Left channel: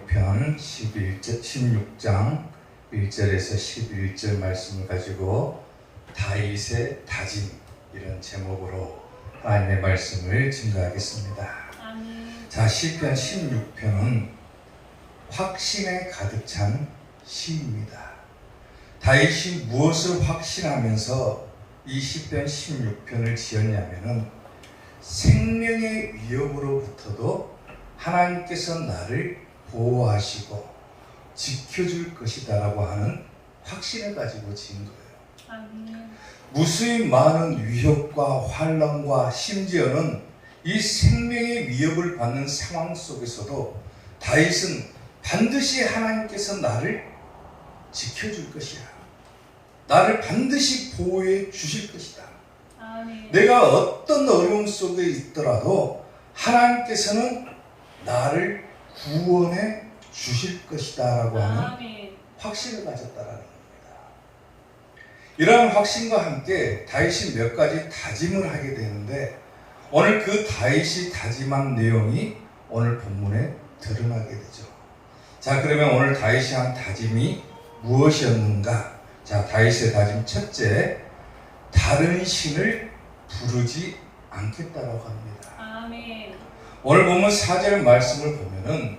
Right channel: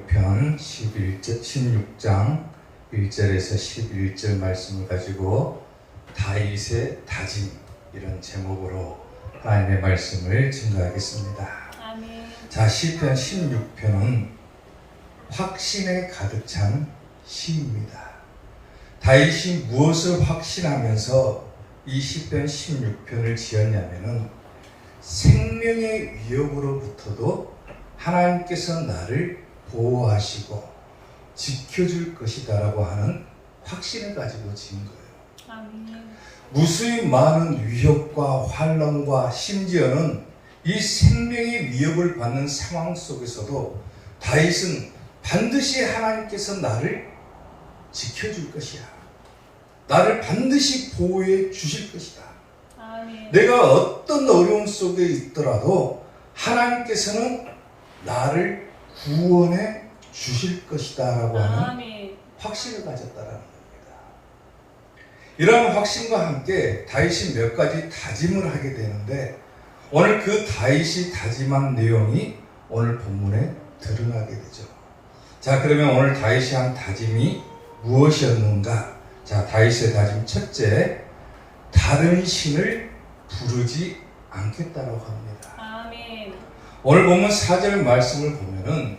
16편 16장 1절에서 11절 말씀을 가지고 다윗의 다짐, 이런 제목으로 하나님의 말씀을 증거하겠습니다. 아멘. 자, 시편 16편은 확신에 가득 찬 시입니다. 다윗이 무엇을 확신하면서 이 시편 16편을 지었냐면은 생명의 위협으로부터도 하나님께서 나를 보호하시고 지켜줄 것이다 라고 하는 확신을 가지고 지은 거예요. 아멘. 무수히 많은 위협과 환난과 심지어는 이 생명의 위협을 받는 상황 속에서도 다윗은 반드시 하나님께서 나를 지켜줄 것이야, 나를 반드시 보호해 주실 것이다, 아멘. 내가 어떤 어려움 속에 있더라도 하나님께서는 나를 구원해 주실 것이다 라고 하는 아멘. 확신을 가졌다라는 겁니다. 이러한 확신과 함께 다윗이 몇 가지 다짐을 하게 되는데, 오늘 그 다윗이 다짐한 내용이 오늘 본문에 드러나게 되죠. 자, 그러면 오늘 다윗이 한 다짐이 무엇이었는가? 자, 다윗의 다짐 첫째, 다른 신을 부르지 않겠다라고 합니다. 아멘. 오늘 본문 4절 말씀을 보면은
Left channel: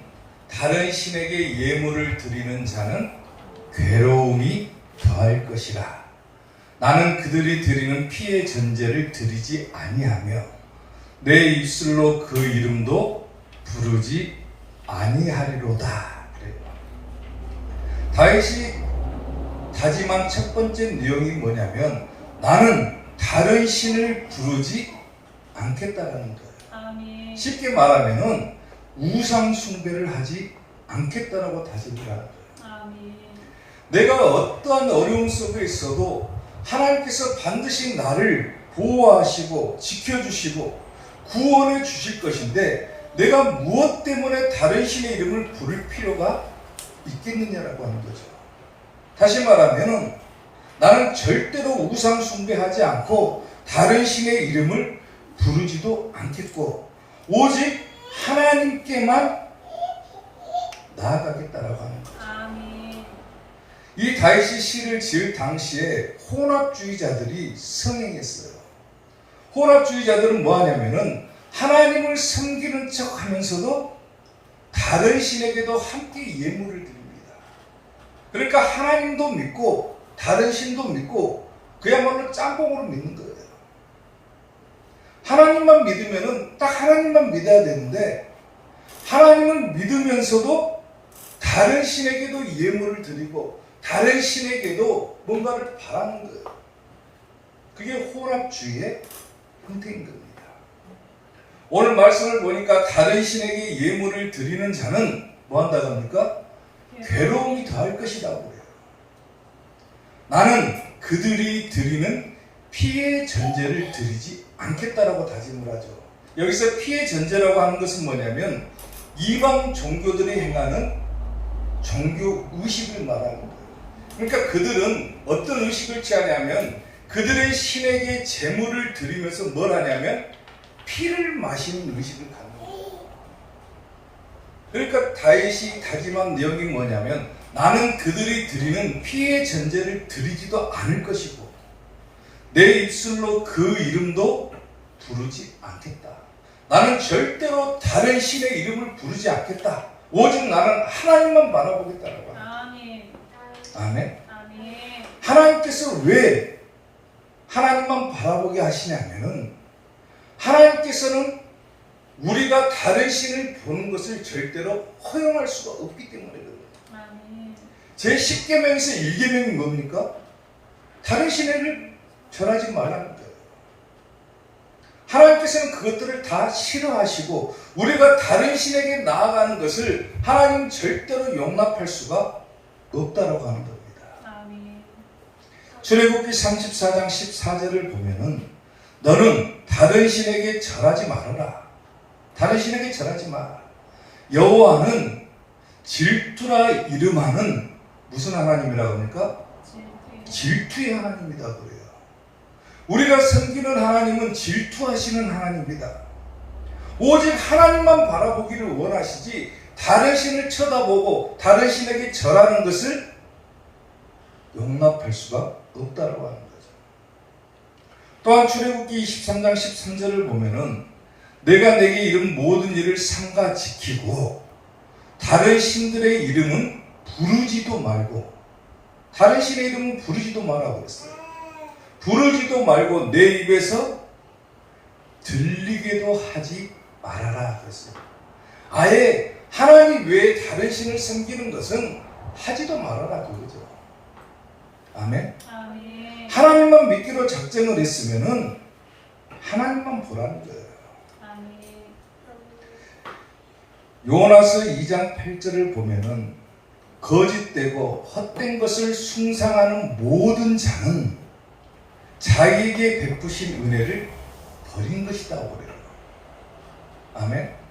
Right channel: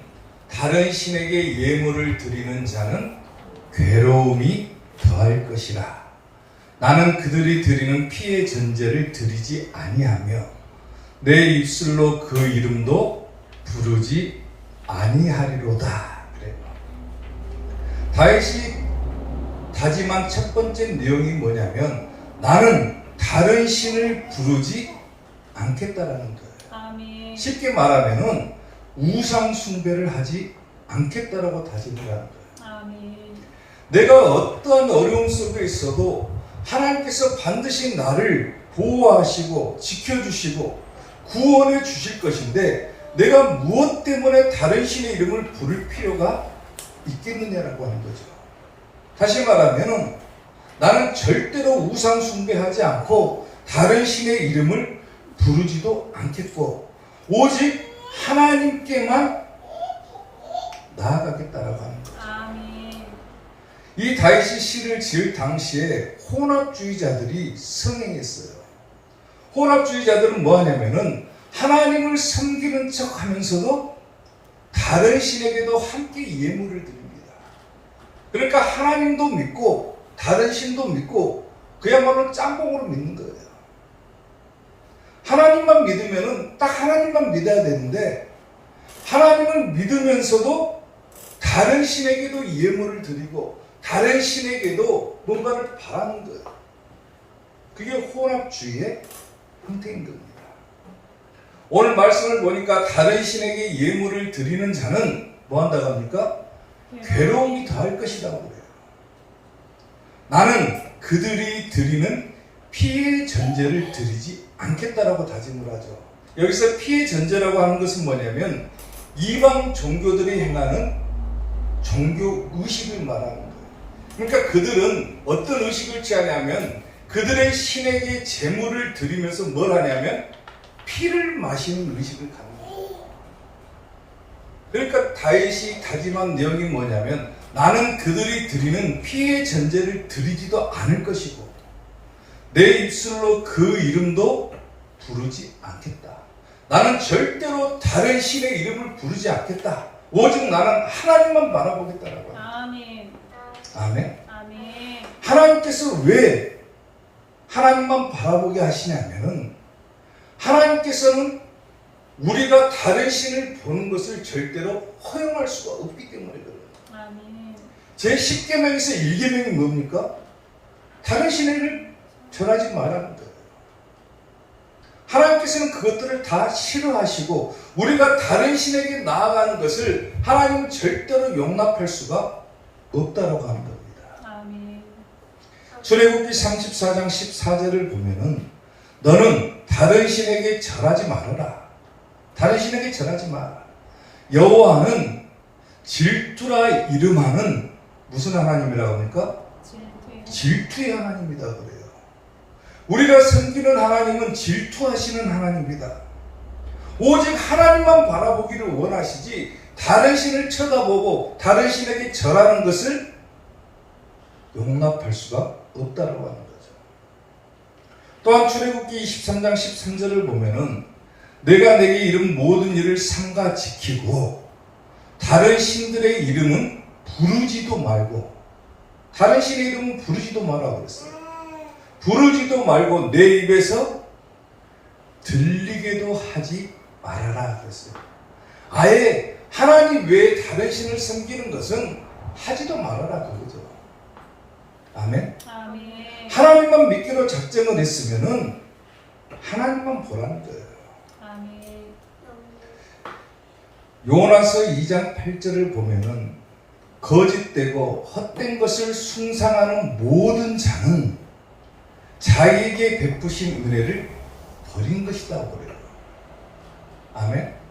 다른 신에게 예물을 드리는 자는 괴로움이 더할 것이라. 나는 그들이 드리는 피의 전제를 드리지 아니하며 내 입술로 그 이름도 부르지 아니하리로다. 그래요. 다윗이 다짐한 첫 번째 내용이 뭐냐면 나는 다른 신을 부르지 않겠다라는 거예요. 아멘. 쉽게 말하면은 우상 숭배를 하지 않겠다라고 다짐을 하는 거예요. 아멘. 내가 어떠한 어려움 속에 있어도 하나님께서 반드시 나를 보호하시고 지켜주시고 구원해 주실 것인데 내가 무엇 때문에 다른 신의 이름을 부를 필요가 있겠느냐라고 하는 거죠. 다시 말하면 나는 절대로 우상 숭배하지 않고 다른 신의 이름을 부르지도 않겠고 오직 하나님께만 나아가겠다라고 하는 거예요. 아멘. 이 다윗이 시를 지을 당시에 혼합주의자들이 성행했어요. 혼합주의자들은 뭐 하냐면은 하나님을 섬기는 척 하면서도 다른 신에게도 함께 예물을 드립니다. 그러니까 하나님도 믿고 다른 신도 믿고 그야말로 짬뽕으로 믿는 거예요. 하나님만 믿으면은 딱 하나님만 믿어야 되는데 하나님을 믿으면서도 다른 신에게도 예물을 드리고 다른 신에게도 뭔가를 바라는 거예요. 그게 혼합주의의 형태인 겁니다. 오늘 말씀을 보니까 다른 신에게 예물을 드리는 자는 뭐 한다고 합니까? 괴로움이 더할 것이라고 그래요. 나는 그들이 드리는 피의 전제를 드리지 않겠다라고 다짐을 하죠. 여기서 피의 전제라고 하는 것은 뭐냐면 이방 종교들이 행하는 종교 의식을 말하는 거예요. 그러니까 그들은 어떤 의식을 취하냐면 그들의 신에게 제물을 드리면서 뭘 하냐면 피를 마시는 의식을 갖는 거예요. 그러니까 다윗이 다짐한 내용이 뭐냐면 나는 그들이 드리는 피의 전제를 드리지도 않을 것이고 내 입술로 그 이름도 부르지 않겠다. 나는 절대로 다른 신의 이름을 부르지 않겠다. 오직 나는 하나님만 바라보겠다라고 합니다. 아멘. 아멘. 아멘. 하나님께서 왜 하나님만 바라보게 하시냐면 하나님께서는 우리가 다른 신을 보는 것을 절대로 허용할 수가 없기 때문이거든요. 아멘. 제10계명에서 1계명이 뭡니까? 다른 신을 절하지 말라는 거예요. 하나님께서는 그것들을 다 싫어하시고 우리가 다른 신에게 나아가는 것을 하나님 절대로 용납할 수가 없다고 하는 겁니다. 아멘. 출애굽기 34장 14절을 보면은 너는 다른 신에게 절하지 말아라. 다른 신에게 절하지 마라. 여호와는 질투라 이름하는 무슨 하나님이라고 합니까? 질투의 하나님이다 그래요. 우리가 섬기는 하나님은 질투하시는 하나님입니다. 오직 하나님만 바라보기를 원하시지 다른 신을 쳐다보고 다른 신에게 절하는 것을 용납할 수가 없다라고 하는 거죠. 또한 출애굽기 23장 13절을 보면은 내가 내게 이른 모든 일을 삼가 지키고 다른 신들의 이름은 부르지도 말고, 다른 신의 이름은 부르지도 말라고 그랬어요. 부르지도 말고 내 입에서 들리게도 하지 말아라 그랬어요. 아예 하나님 외에 다른 신을 섬기는 것은 하지도 말아라 그거죠. 아멘. 아멘. 하나님만 믿기로 작정을 했으면은 하나님만 보라는 거예요. 아멘. 요나서 2장 8절을 보면은 거짓되고 헛된 것을 숭상하는 모든 자는 자기에게 베푸신 은혜를 버린 것이다 그래요. 아멘.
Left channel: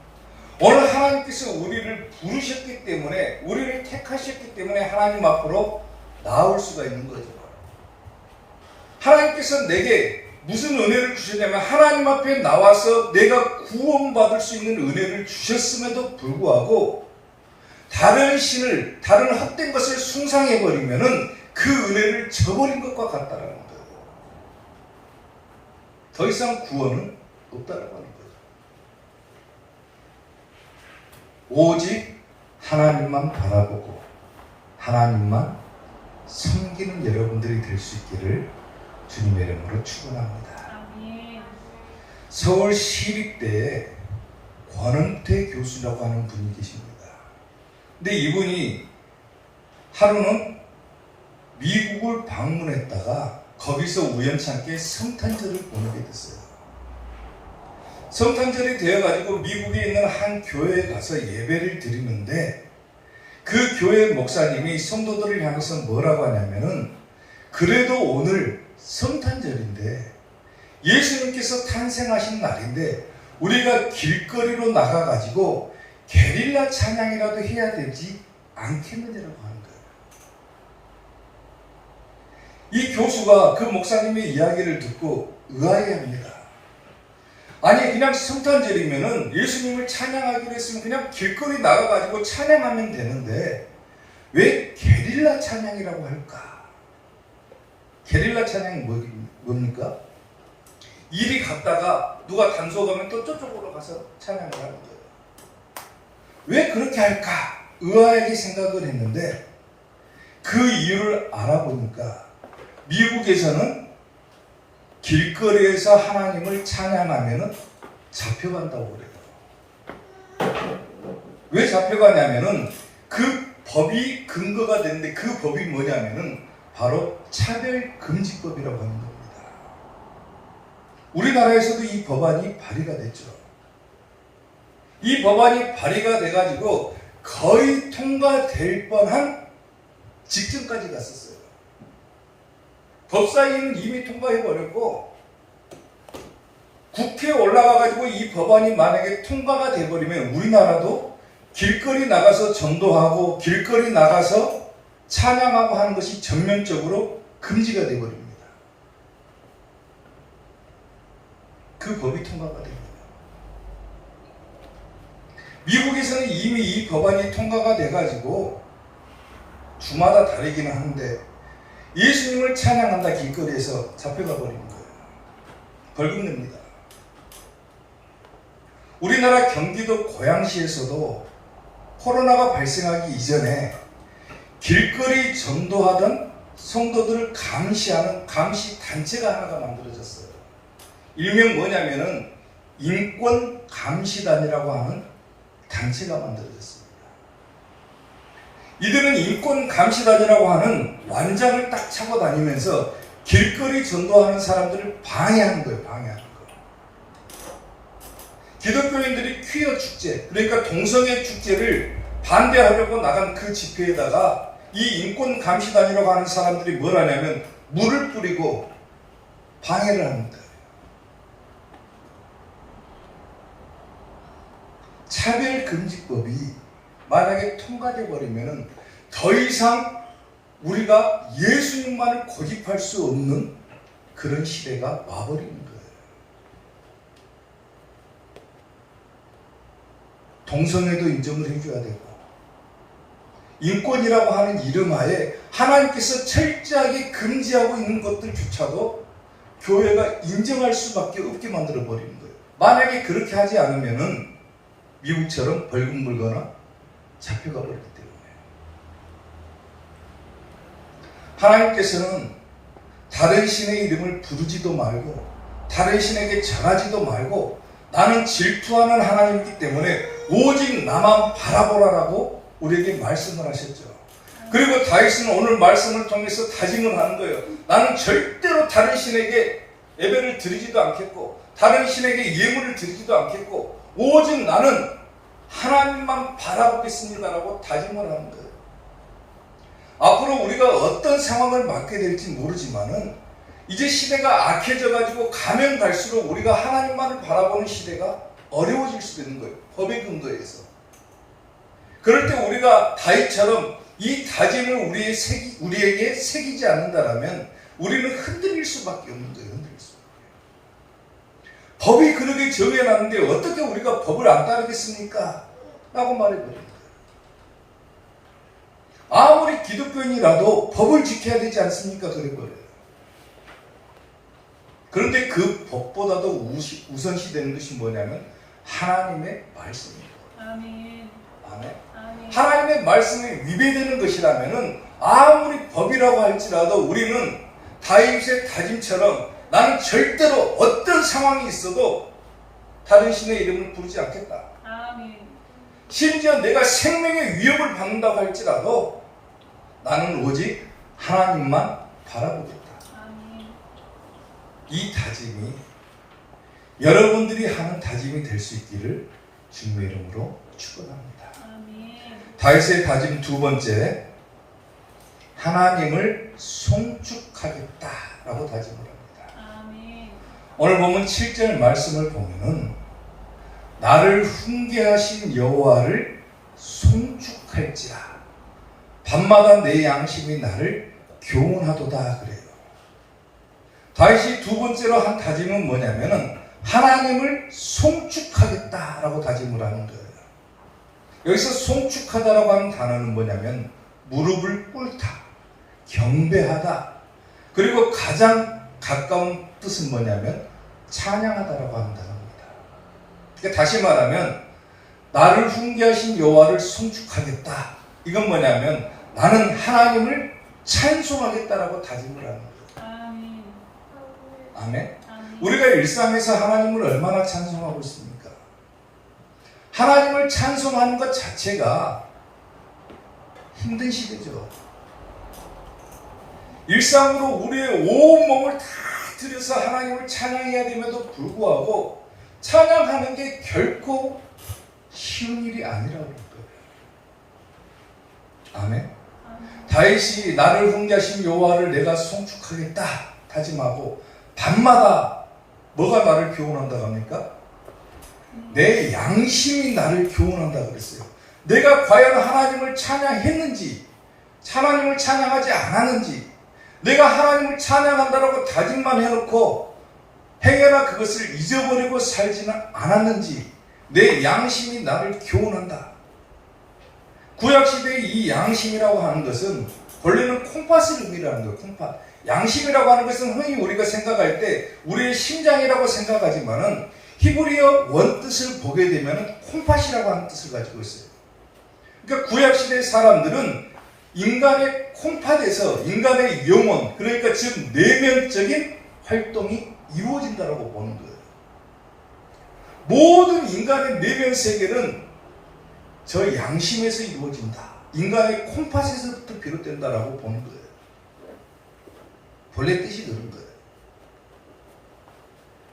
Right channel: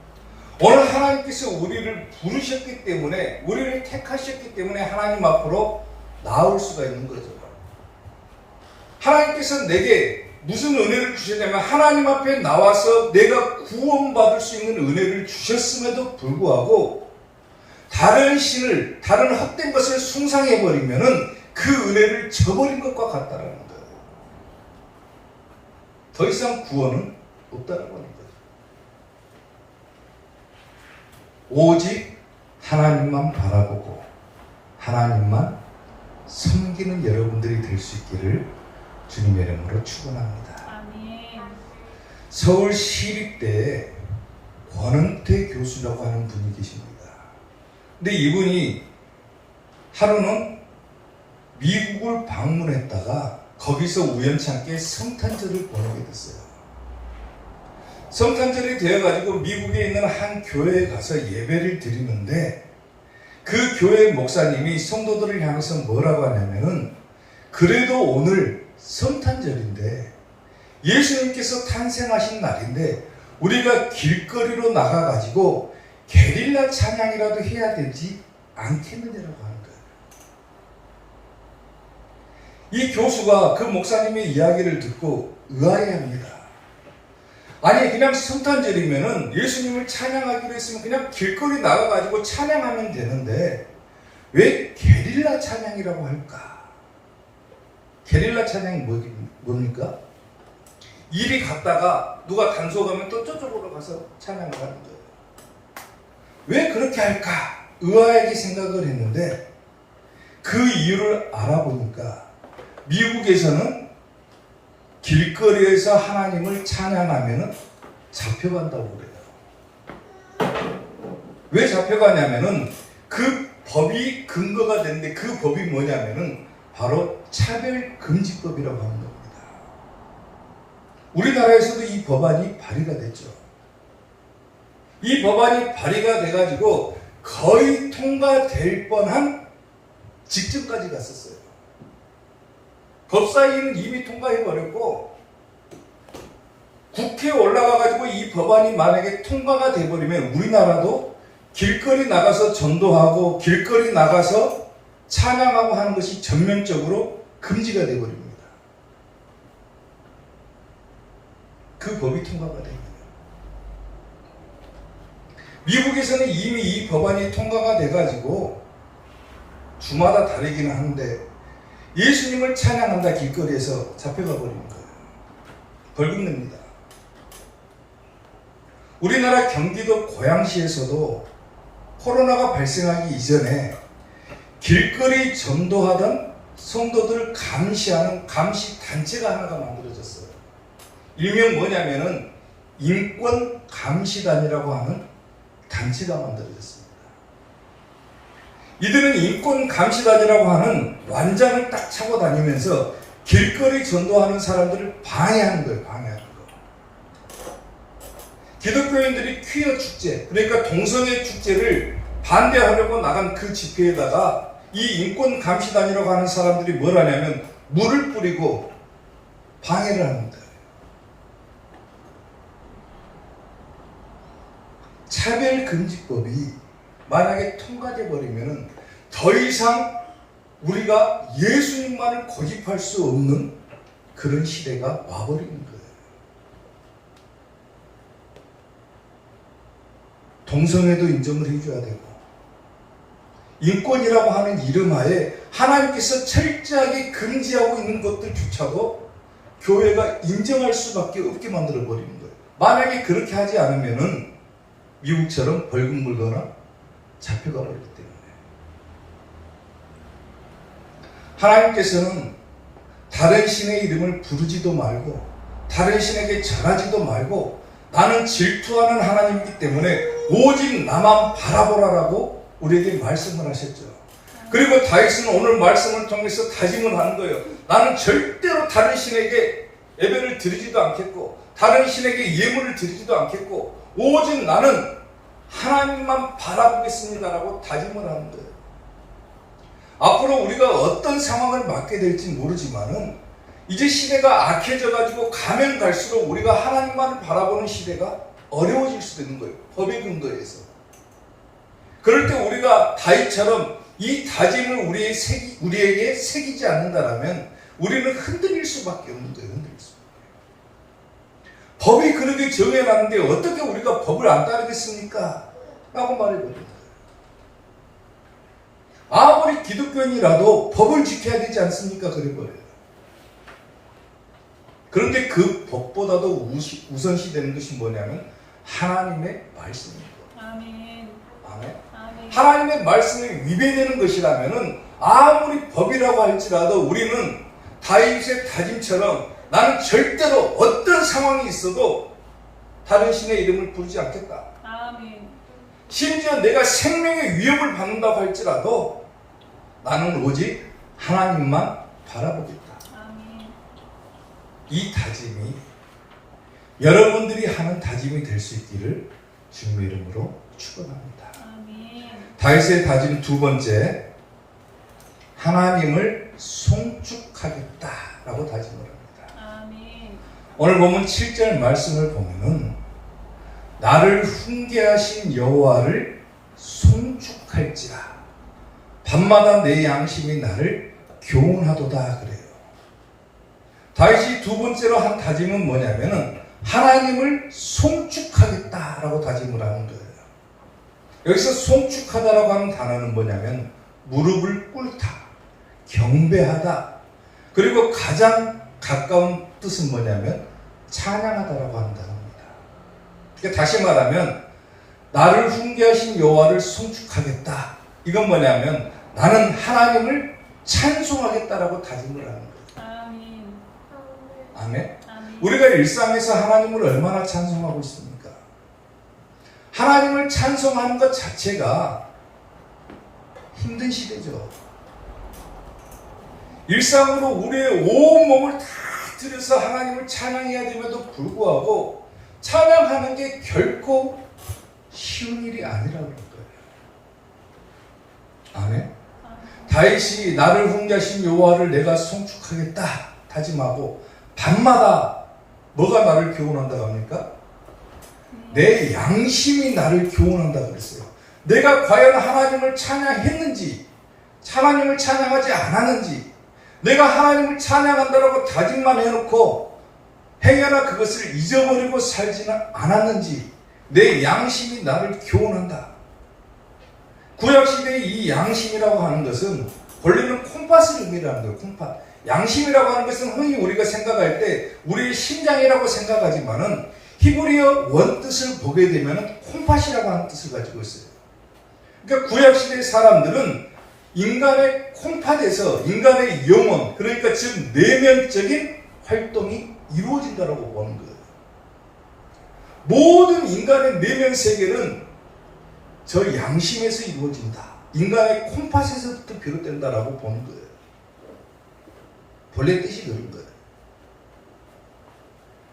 오늘 하나님께서 우리를 부르셨기 때문에, 우리를 택하셨기 때문에 하나님 앞으로 나올 수가 있는 거죠. 하나님께서 내게 무슨 은혜를 주셨냐면 하나님 앞에 나와서 내가 구원받을 수 있는 은혜를 주셨음에도 불구하고 다른 신을, 다른 헛된 것을 숭상해버리면은 그 은혜를 저버린 것과 같다는 거예요. 더 이상 구원은 없다는 거예요. 오직 하나님만 바라보고 하나님만 섬기는 여러분들이 될 수 있기를 주님의 이름으로 축원합니다. 아멘. 서울 시립대에 권은태 교수라고 하는 분이 계십니다. 근데 이분이 하루는 미국을 방문했다가 거기서 우연찮게 성탄절을 보내게 됐어요. 성탄절이 되어가지고 미국에 있는 한 교회에 가서 예배를 드리는데 그 교회 목사님이 성도들을 향해서 뭐라고 하냐면은 그래도 오늘 성탄절인데 예수님께서 탄생하신 날인데 우리가 길거리로 나가가지고 게릴라 찬양이라도 해야 되지 않겠느냐라고 하는 거예요. 이 교수가 그 목사님의 이야기를 듣고 의아해합니다. 아니 그냥 성탄절이면은 예수님을 찬양하기로 했으면 그냥 길거리 나가가지고 찬양하면 되는데 왜 게릴라 찬양이라고 할까? 게릴라 찬양이 뭡니까? 이리 갔다가 누가 단속하면 또 저쪽으로 가서 찬양을 하는 거예요. 왜 그렇게 할까? 의아하게 생각을 했는데 그 이유를 알아보니까 미국에서는 길거리에서 하나님을 찬양하면 잡혀간다고 그래요. 왜 잡혀가냐면은 그 법이 근거가 되는데 그 법이 뭐냐면은 바로 차별금지법이라고 하는 겁니다. 우리나라에서도 이 법안이 발의가 됐죠. 이 법안이 발의가 돼가지고 거의 통과될 뻔한 직전까지 갔었어요. 법사위는 이미 통과해버렸고 국회에 올라가가지고 이 법안이 만약에 통과가 돼버리면 우리나라도 길거리 나가서 전도하고 길거리 나가서 찬양하고 하는 것이 전면적으로 금지가 돼버립니다. 그 법이 통과가 됩니다. 미국에서는 이미 이 법안이 통과가 돼가지고 주마다 다르기는 하는데 예수님을 찬양한다 길거리에서 잡혀가 버리는 거예요. 벌금 냅니다. 우리나라 경기도 고양시에서도 코로나가 발생하기 이전에 길거리 전도하던 성도들을 감시하는 감시 단체가 하나가 만들어졌어요. 일명 뭐냐면은 인권 감시단이라고 하는 단체가 만들어졌습니다. 이들은 인권 감시단이라고 하는 완장을 딱 차고 다니면서 길거리 전도하는 사람들을 방해하는 거예요. 방해하는 거예요. 기독교인들이 퀴어 축제, 그러니까 동성애 축제를 반대하려고 나간 그 집회에다가 이 인권 감시단이라고 하는 사람들이 뭘 하냐면 물을 뿌리고 방해를 하는 거예요. 차별금지법이 만약에 통과돼 버리면 더 이상 우리가 예수님만을 고집할 수 없는 그런 시대가 와버리는 거예요. 동성애도 인정을 해줘야 되고, 인권이라고 하는 이름 하에 하나님께서 철저하게 금지하고 있는 것들조차도 교회가 인정할 수밖에 없게 만들어 버리는 거예요. 만약에 그렇게 하지 않으면은 미국처럼 벌금 물거나 잡혀가 버리기 때문에. 하나님께서는 다른 신의 이름을 부르지도 말고 다른 신에게 절하지도 말고 나는 질투하는 하나님이기 때문에 오직 나만 바라보라라고 우리에게 말씀을 하셨죠. 그리고 다윗은 오늘 말씀을 통해서 다짐을 하는 거예요. 나는 절대로 다른 신에게 예배를 드리지도 않겠고 다른 신에게 예물을 드리지도 않겠고 오직 나는 하나님만 바라보겠습니다라고 다짐을 하는 거예요. 앞으로 우리가 어떤 상황을 맞게 될지 모르지만은 이제 시대가 악해져 가지고 가면 갈수록 우리가 하나님만을 바라보는 시대가 어려워질 수도 있는 거예요. 법의 근거에서. 그럴 때 우리가 다윗처럼 이 다짐을 우리에게 새기지 않는다라면 우리는 흔들릴 수밖에 없는 거예요. 흔들릴 수밖에. 법이 그렇게 정해놨는데 어떻게 우리가 법을 안 따르겠습니까? 라고 말해버립니다. 아무리 기독교인이라도 법을 지켜야 되지 않습니까? 그래버려요. 그런데 그 법보다도 우선시되는 것이 뭐냐면 하나님의 말씀입니다. 아멘. 아멘. 아멘. 하나님의 말씀이 위배되는 것이라면 아무리 법이라고 할지라도 우리는 다윗의 다짐처럼 나는 절대로 어떤 상황이 있어도 다른 신의 이름을 부르지 않겠다. 아멘. 심지어 내가 생명의 위협을 받는다고 할지라도 나는 오직 하나님만 바라보겠다. 아멘. 이 다짐이 여러분들이 하는 다짐이 될 수 있기를 주님의 이름으로 축원합니다. 아멘. 다윗의 다짐 두 번째, 하나님을 송축하겠다라고 다짐을 합니다. 아멘. 오늘 보면 7절 말씀을 보면은 나를 훈계하신 여호와를 송축할지라 밤마다 내 양심이 나를 교훈하도다 그래요. 다윗이 두 번째로 한 다짐은 뭐냐면은 하나님을 송축하겠다라고 다짐을 하는 거예요. 여기서 송축하다라고 하는 단어는 뭐냐면 무릎을 꿇다, 경배하다, 그리고 가장 가까운 뜻은 뭐냐면 찬양하다라고 한다는 겁니다. 그러니까 다시 말하면 나를 훈계하신 여호와를 송축하겠다. 이건 뭐냐면 나는 하나님을 찬송하겠다라고 다짐을 하는 거예요. 아멘. 아멘. 아멘. 우리가 일상에서 하나님을 얼마나 찬송하고 있습니까? 하나님을 찬송하는 것 자체가 힘든 시대죠. 일상으로 우리의 온몸을 다 들여서 하나님을 찬양해야 됨에도 불구하고 찬양하는 게 결코 쉬운 일이 아니라고 그럴 거예요. 아멘. 다윗이 나를 훈계하신 여호와를 내가 송축하겠다 다짐하고 밤마다 뭐가 나를 교훈한다고 합니까? 내 양심이 나를 교훈한다 그랬어요. 내가 과연 하나님을 찬양했는지 하나님을 찬양하지 않았는지 내가 하나님을 찬양한다라고 다짐만 해놓고 행여나 그것을 잊어버리고 살지는 않았는지 내 양심이 나를 교훈한다. 구약시대의 이 양심이라고 하는 것은 원래는 콩팥을 의미하는 거예요. 콩팥. 양심이라고 하는 것은 흔히 우리가 생각할 때 우리의 심장이라고 생각하지만은 히브리어 원뜻을 보게 되면 콩팥이라고 하는 뜻을 가지고 있어요. 그러니까 구약시대의 사람들은 인간의 콩팥에서 인간의 영혼, 그러니까 즉 내면적인 활동이 이루어진다고 보는 거예요. 모든 인간의 내면 세계는 저 양심에서 이루어진다. 인간의 콩팥에서부터 비롯된다라고 보는 거예요. 본래 뜻이 그런 거예요.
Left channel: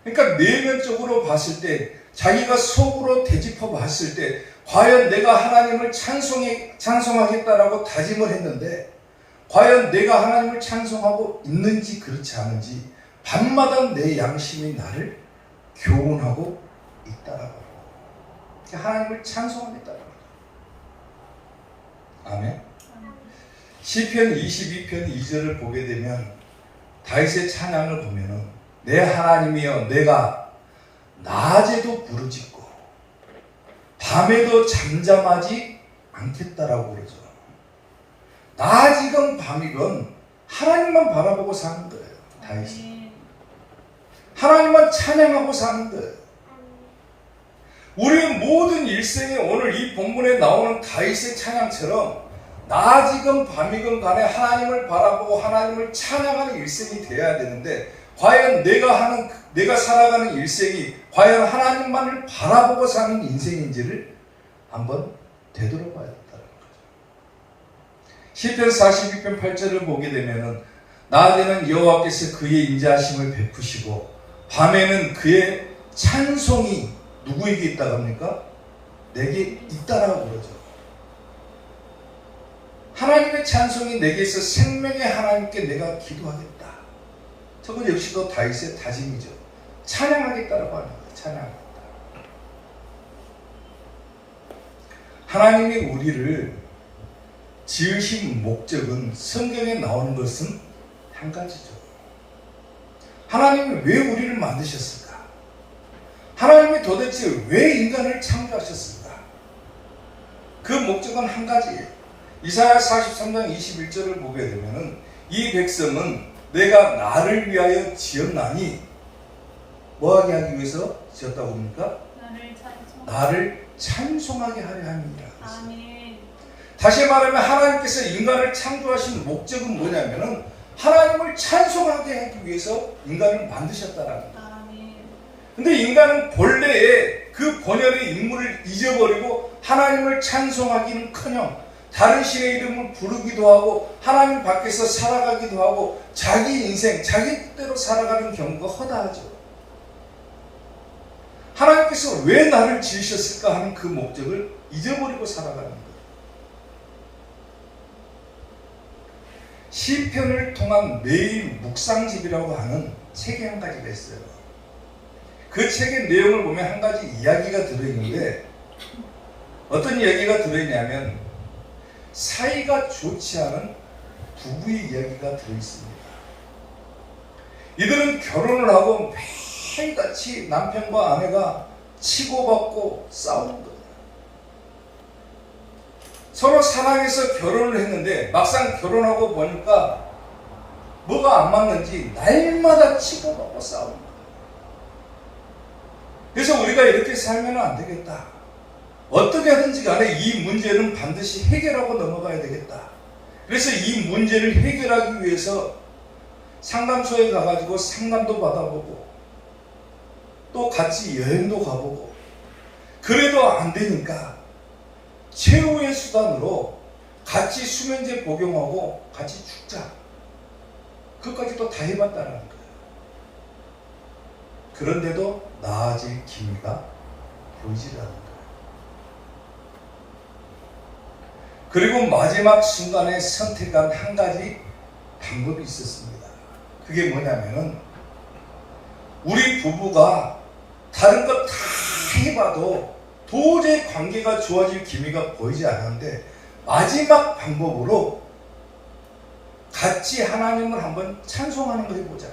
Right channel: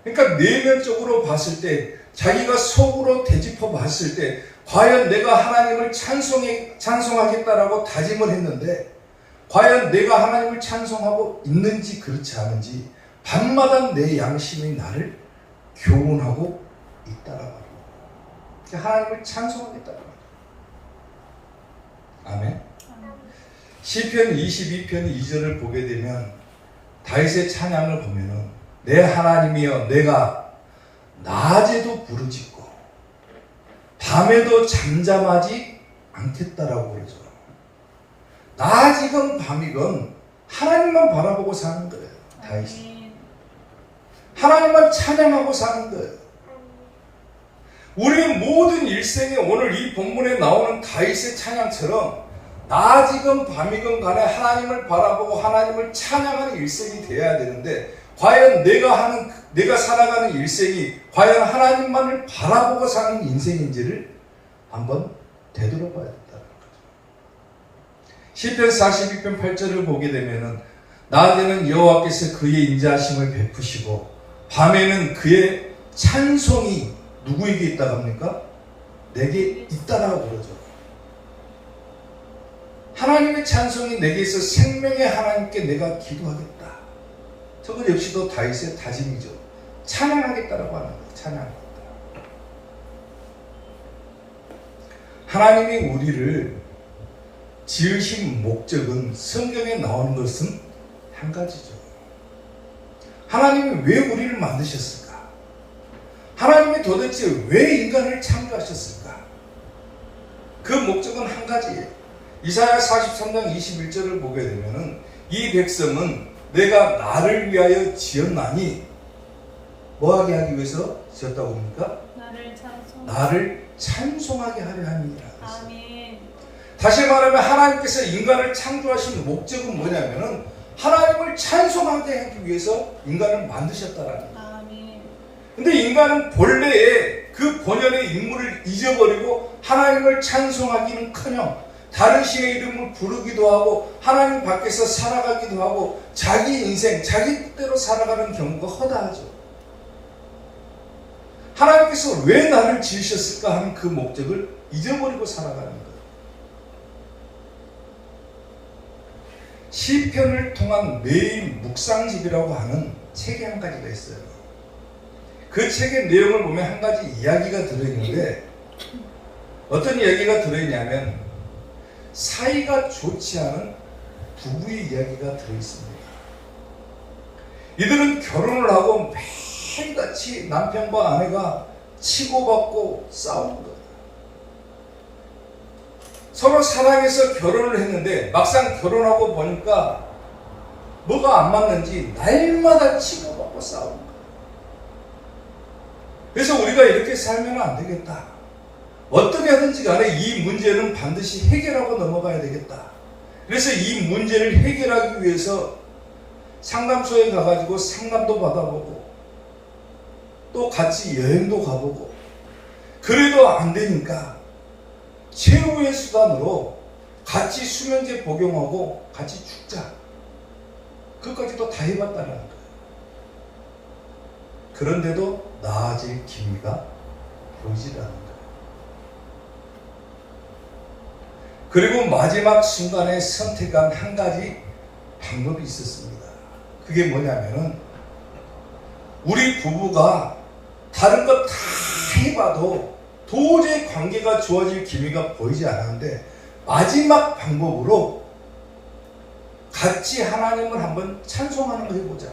그러니까 내면적으로 봤을 때 자기가 속으로 되짚어 봤을 때 과연 내가 하나님을 찬송하겠다라고 다짐을 했는데 과연 내가 하나님을 찬송하고 있는지 그렇지 않은지 밤마다 내 양심이 나를 교훈하고 있다라고. 그러니까 하나님을 찬송하겠다라고. 아멘. 시편 22편 2절을 보게 되면 다윗의 찬양을 보면은 내 하나님이여 내가 낮에도 부르짖고 밤에도 잠잠하지 않겠다라고 그러죠. 낮이건 밤이건 하나님만 바라보고 사는 거예요. 다윗은 아멘. 하나님만 찬양하고 사는 거예요. 우리의 모든 일생에 오늘 이 본문에 나오는 다윗의 찬양처럼 낮이건 밤이건 간에 하나님을 바라보고 하나님을 찬양하는 일생이 되어야 되는데, 과연 내가 살아가는 일생이 과연 하나님만을 바라보고 사는 인생인지를 한번 되돌아봐야 된다는 거죠. 시편 42편 8절을 보게 되면은 낮에는 여호와께서 그의 인자하심을 베푸시고 밤에는 그의 찬송이 누구에게 있다고 합니까? 내게 있다라고 그러죠. 하나님의 찬송이 내게 있어 생명의 하나님께 내가 기도하겠다. 저건 역시도 다윗의 다짐이죠. 찬양하겠다라고 하는 거예요. 찬양하겠다. 하나님이 우리를 지으신 목적은 성경에 나오는 것은 한 가지죠. 하나님이 왜 우리를 만드셨을까? 하나님이 도대체 왜 인간을 창조하셨을까? 그 목적은 한 가지예요. 이사야 43장 21절을 보게 되면은 이 백성은 내가 나를 위하여 지었나니 뭐하게 하기 위해서 지었다고 합니까? 나를 찬송하게 하려 함이라. 아멘. 다시 말하면 하나님께서 인간을 창조하신 목적은 뭐냐면은 하나님을 찬송하게 하기 위해서 인간을 만드셨다라는 거예요. 아멘. 근데 인간은 본래의 그 본연의 인물을 잊어버리고 하나님을 찬송하기는커녕 다른 신의 이름을 부르기도 하고 하나님 밖에서 살아가기도 하고 자기 인생, 자기 뜻대로 살아가는 경우가 허다하죠. 하나님께서 왜 나를 지으셨을까 하는 그 목적을 잊어버리고 살아가는 거예요. 시편을 통한 매일 묵상집이라고 하는 책이 한 가지가 있어요. 그 책의 내용을 보면 한 가지 이야기가 들어있는데, 어떤 이야기가 들어있냐면 사이가 좋지 않은 부부의 이야기가 들어있습니다. 이들은 결혼을 하고 매일같이 남편과 아내가 치고받고 싸우는 거예요. 서로 사랑해서 결혼을 했는데 막상 결혼하고 보니까 뭐가 안 맞는지 날마다 치고받고 싸우는 거예요. 그래서 우리가 이렇게 살면 안 되겠다. 어떻게 하든지 간에 이 문제는 반드시 해결하고 넘어가야 되겠다. 그래서 이 문제를 해결하기 위해서 상담소에 가가지고 상담도 받아보고 또 같이 여행도 가보고, 그래도 안 되니까 최후의 수단으로 같이 수면제 복용하고 같이 죽자. 그것까지도 다 해봤다는 거예요. 그런데도 나아질 기미가 보이질 않는 거예요. 그리고 마지막 순간에 선택한 한 가지 방법이 있었습니다. 그게 뭐냐면은 우리 부부가 다른 것 다 해봐도 도저히 관계가 좋아질 기미가 보이지 않았는데 마지막 방법으로 같이 하나님을 한번 찬송하는 거 해보자.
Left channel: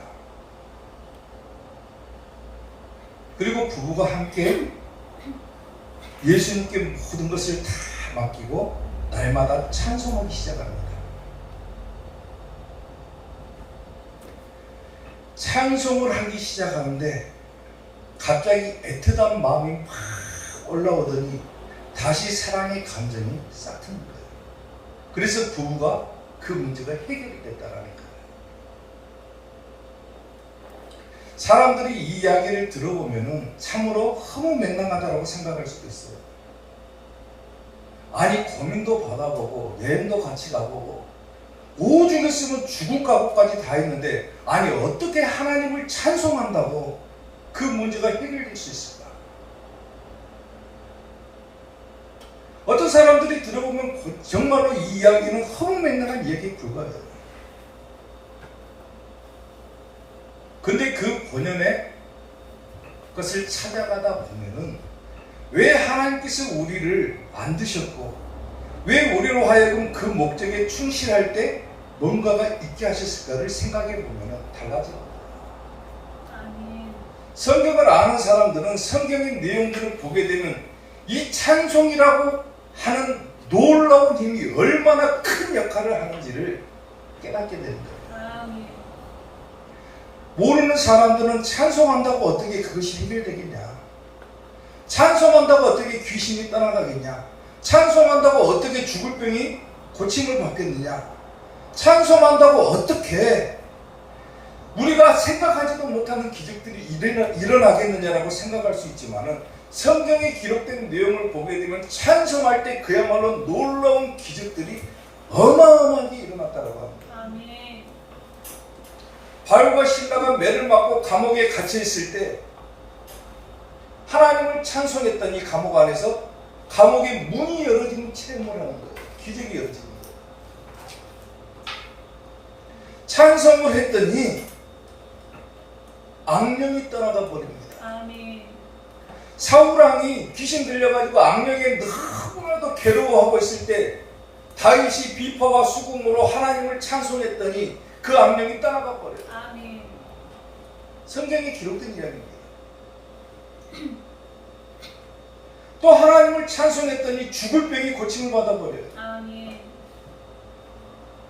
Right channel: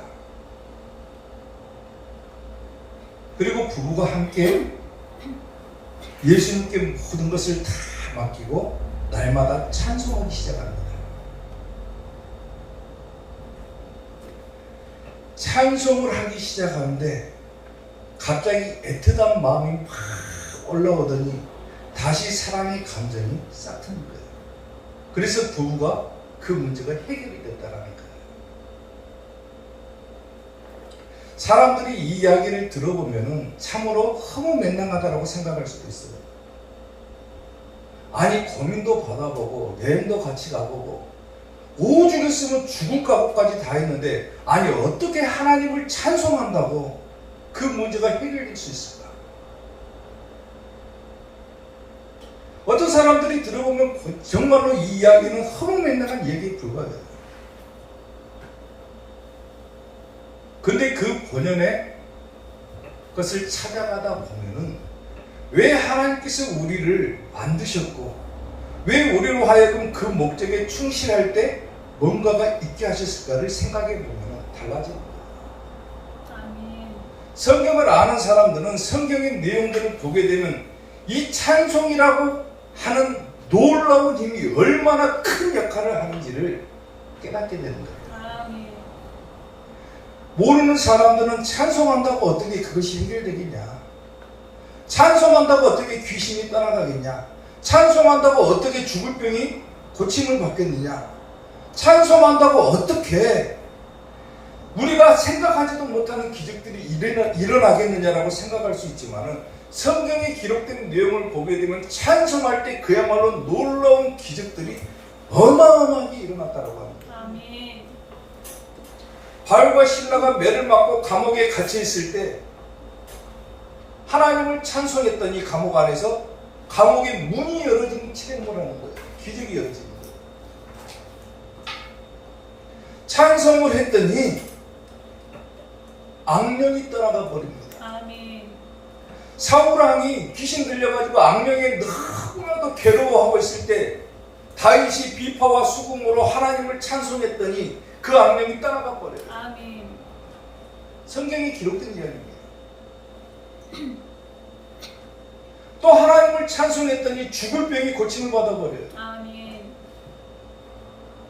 그리고 부부가 함께 예수님께 모든 것을 다 맡기고 날마다 찬송하기 시작합니다. 찬송을 하기 시작하는데 갑자기 애틋한 마음이 막 올라오더니 다시 사랑의 감정이 싹 트는 거예요. 그래서 부부가 그 문제가 해결이 됐다라는 거예요. 사람들이 이 이야기를 들어보면 참으로 허무맹랑하다고 생각할 수도 있어요. 아니, 고민도 받아보고 여행도 같이 가보고 오죽했으면 죽을 각오까지 다 했는데, 아니 어떻게 하나님을 찬송한다고 그 문제가 해결될 수 있을까? 어떤 사람들이 들어보면 정말로 이 이야기는 허무맹랑한 얘기에 불과해요. 근데 그 본연의 것을 찾아가다 보면은 왜 하나님께서 우리를 만드셨고 왜 우리로 하여금 그 목적에 충실할 때 뭔가가 있게 하셨을까를 생각해 보면 달라집니다. 아멘. 성경을 아는 사람들은 성경의 내용들을 보게 되면 이 찬송이라고 하는 놀라운 힘이 얼마나 큰 역할을 하는지를 깨닫게 됩니다. 아멘. 모르는 사람들은 찬송한다고 어떻게 그것이 해결되겠냐? 찬송한다고 어떻게 귀신이 떠나가겠냐? 찬송한다고 어떻게 죽을 병이 고침을 받겠느냐? 찬송한다고 어떻게 우리가 생각하지도 못하는 기적들이 일어나겠느냐라고 생각할 수 있지만은 성경에 기록된 내용을 보게 되면 찬송할 때 그야말로 놀라운 기적들이 어마어마하게 일어났다고 합니다. 아멘. 바울과 실라가 매를 맞고 감옥에 갇혀 있을 때 하나님을 찬송했더니 감옥 안에서 감옥의 문이 열어지는 체험을 하는 거예요. 기적이 열어지는 거예요. 찬송을 했더니 악령이 떠나가 버립니다. 아멘. 사울왕이 귀신 들려가지고 악령에 너무나도 괴로워하고 있을 때 다윗이 비파와 수금으로 하나님을 찬송했더니 그 악령이 떠나가 버려요. 아멘. 성경에 기록된 이야기입니다. 또 하나님을 찬송했더니 죽을 병이 고침을 받아버려요. 아멘.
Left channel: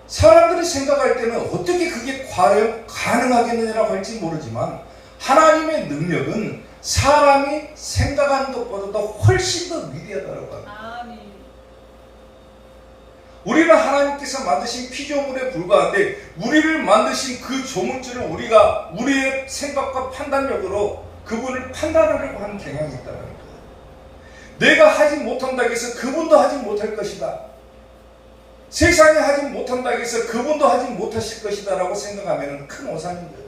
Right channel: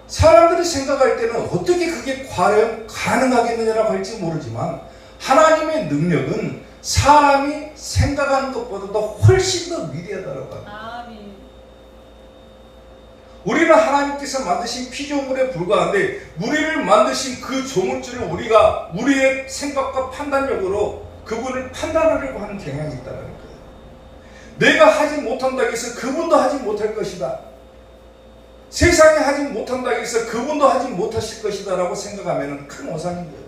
사람들이 생각할 때는 어떻게 그게 과연 가능하겠느냐라고 할지 모르지만 하나님의 능력은 사람이 생각하는 것보다도 훨씬 더 위대하다고 합니다. 아멘. 우리는 하나님께서 만드신 피조물에 불과한데 우리를 만드신 그 조물주를 우리가 우리의 생각과 판단력으로 그분을 판단하려고 하는 경향이 있다는 거예요. 내가 하지 못한다고 해서 그분도 하지 못할 것이다. 세상에 하지 못한다고 해서 그분도 하지 못하실 것이다 라고 생각하면 큰 오산인 거예요.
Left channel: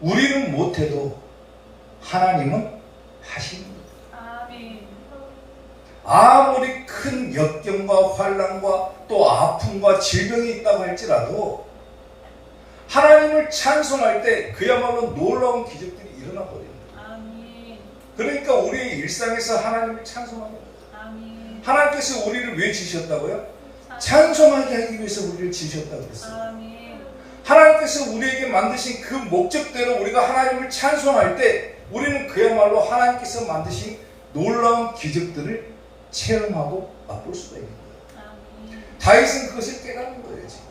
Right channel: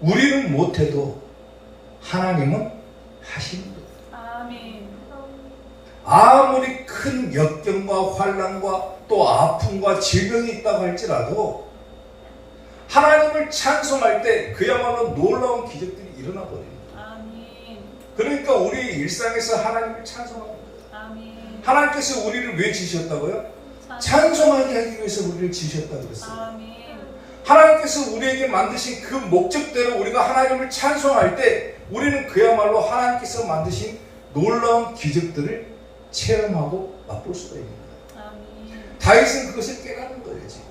우리는 못해도 하나님은 하시는 거예요. 아멘. 아무리 큰 역경과 환난과 또 아픔과 질병이 있다고 할지라도 하나님을 찬송할 때 그야말로 놀라운 기적들이 일어나 버립니다. 아멘. 그러니까 우리의 일상에서 하나님을 찬송하는 거예요. 아멘. 하나님께서 우리를 왜 지으셨다고요? 찬송하게 하기 위해서 우리를 지으셨다고 그랬어요. 아멘. 하나님께서 우리에게 만드신 그 목적대로 우리가 하나님을 찬송할 때 우리는 그야말로 하나님께서 만드신 놀라운 기적들을 체험하고 맛볼 수가 있는 거예요. 아멘. 다윗은 그것을 깨닫는 거예요. 지금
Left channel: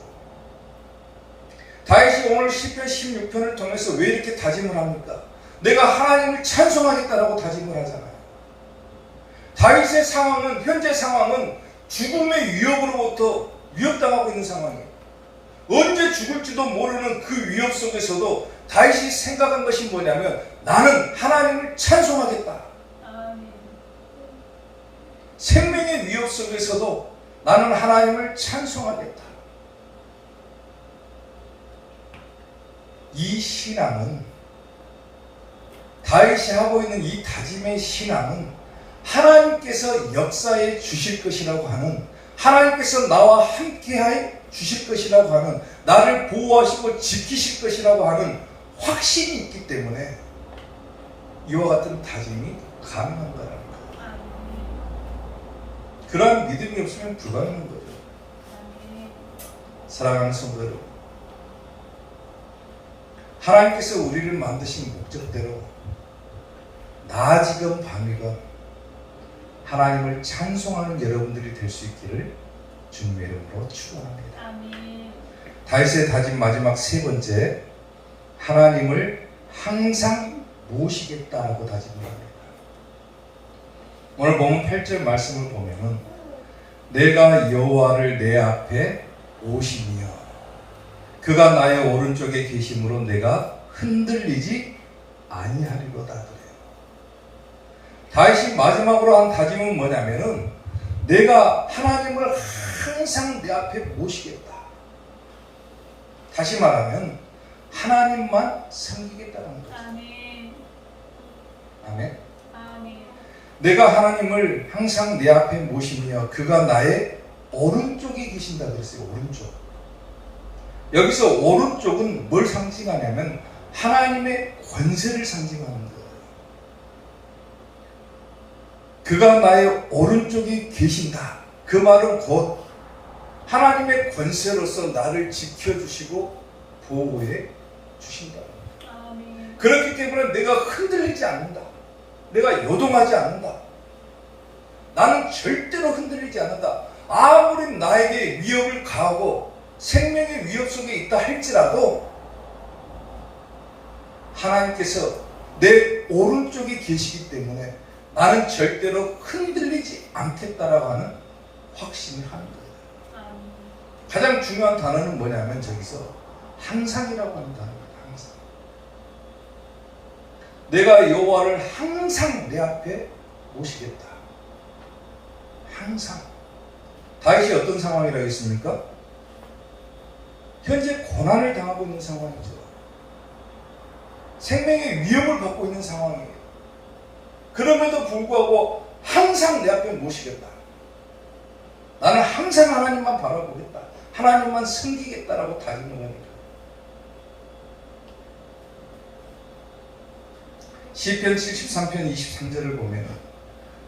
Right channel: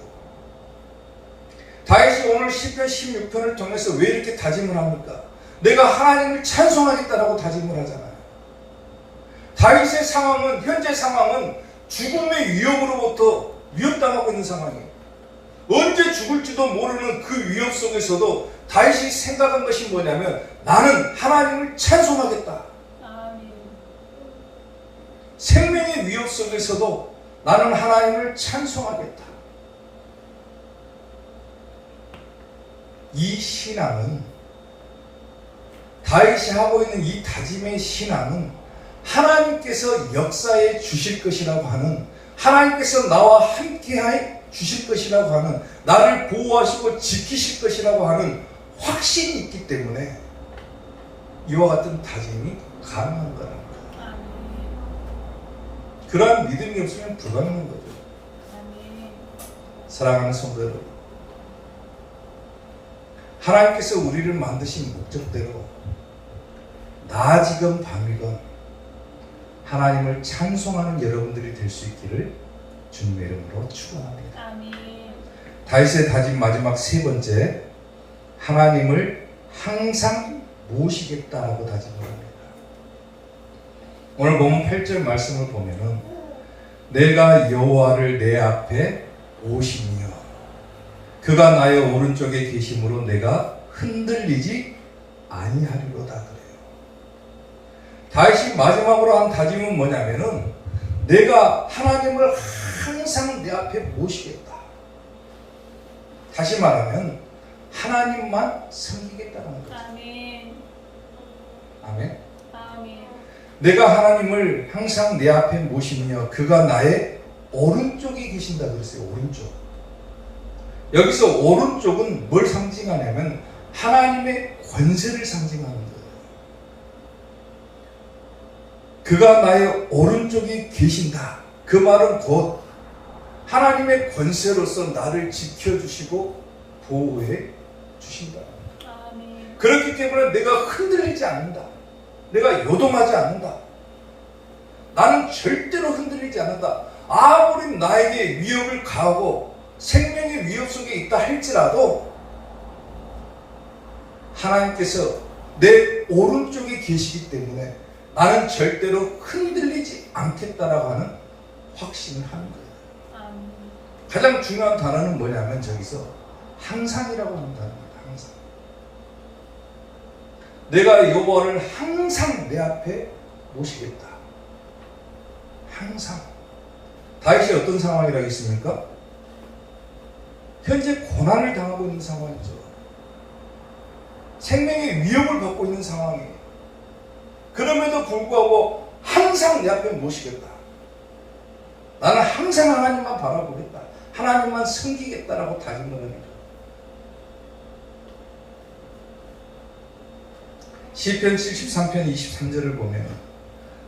다윗이 오늘 시편 16편을 통해서 왜 이렇게 다짐을 합니까? 내가 하나님을 찬송하겠다라고 다짐을 하잖아요. 다윗의 상황은, 현재 상황은 죽음의 위협으로부터 위협당하고 있는 상황이에요. 언제 죽을지도 모르는 그 위협 속에서도 다윗이 생각한 것이 뭐냐면 나는 하나님을 찬송하겠다. 아멘. 생명의 위협 속에서도 나는 하나님을 찬송하겠다. 이 신앙은, 다윗이 하고 있는 이 다짐의 신앙은 하나님께서 역사해 주실 것이라고 하는, 하나님께서 나와 함께해 주실 것이라고 하는, 나를 보호하시고 지키실 것이라고 하는 확신이 있기 때문에 이와 같은 다짐이 가능한 거라는 거예요. 아멘. 그러한 믿음이 없으면 불가능한 거죠. 아멘. 사랑하는 성도들, 하나님께서 우리를 만드신 목적대로 낮이건 밤이건 하나님을 찬송하는 여러분들이 될 수 있기를 주님의 이름으로 축원합니다. 아멘. 다윗의 다짐 마지막 세 번째, 하나님을 항상 모시겠다라고 다짐을 합니다. 오늘 보면 8절 말씀을 보면은 내가 여호와를 내 앞에 모시며 그가 나의 오른쪽에 계심으로 내가 흔들리지 아니하리로다 그래요. 다윗이 마지막으로 한 다짐은 뭐냐면은 내가 하나님을 항상 내 앞에 모시겠다. 다시 말하면 하나님만 섬기겠다는 거죠. 아멘. 아멘. 아멘. 내가 하나님을 항상 내 앞에 모시며 그가 나의 오른쪽에 계신다 그랬어요. 오른쪽. 여기서 오른쪽은 뭘 상징하냐면 하나님의 권세를 상징하는 거예요. 그가 나의 오른쪽에 계신다. 그 말은 곧 하나님의 권세로서 나를 지켜주시고 보호해 주신다. 아멘. 그렇기 때문에 내가 흔들리지 않는다. 내가 요동하지 않는다. 나는 절대로 흔들리지 않는다. 아무리 나에게 위협을 가하고 생명의 위협 속에 있다 할지라도 하나님께서 내 오른쪽에 계시기 때문에 나는 절대로 흔들리지 않겠다라고 하는 확신을 하는 거예요. 아멘. 가장 중요한 단어는 뭐냐면 저기서 항상이라고 하는 단어입니다. 항상. 내가 여호와를 항상 내 앞에 모시겠다. 항상. 다윗이 어떤 상황이라 했습니까? 현재 고난을 당하고 있는 상황이죠. 생명의 위협을 받고 있는 상황이에요. 그럼에도 불구하고 항상 내 앞에 모시겠다. 나는 항상 하나님만 바라보겠다. 하나님만 섬기겠다라고 다짐을 하니까. 시편 73편 23절을 보면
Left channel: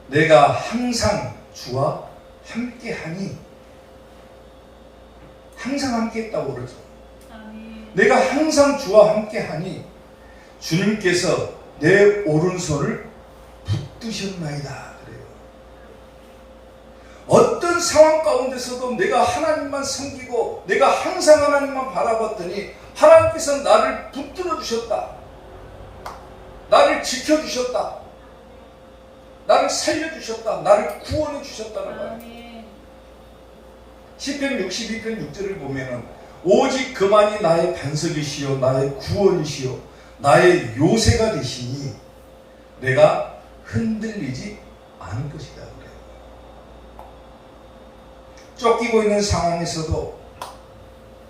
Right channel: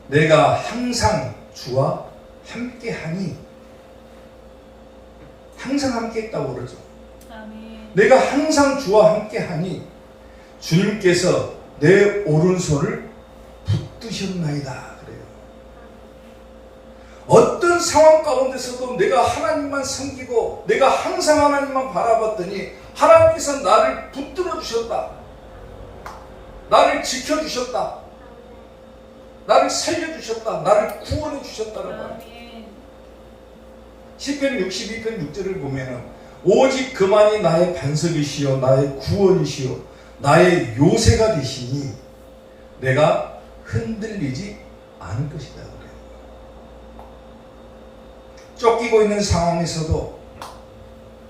내가 항상 주와 함께하니, 항상 함께했다고 그러죠. 아멘. 내가 항상 주와 함께하니 주님께서 내 오른손을 붙드셨나이다 그래요. 어떤 상황 가운데서도 내가 하나님만 섬기고 내가 항상 하나님만 바라봤더니 하나님께서 나를 붙들어 주셨다. 나를 지켜주셨다. 나를 살려주셨다. 나를 구원해 주셨다는 거예요. 아멘. 시편 62편 6절을 보면은 오직 그만이 나의 반석이시요 나의 구원이시요 나의 요새가 되시니 내가 흔들리지 않을 것이다 그래요. 쫓기고 있는 상황에서도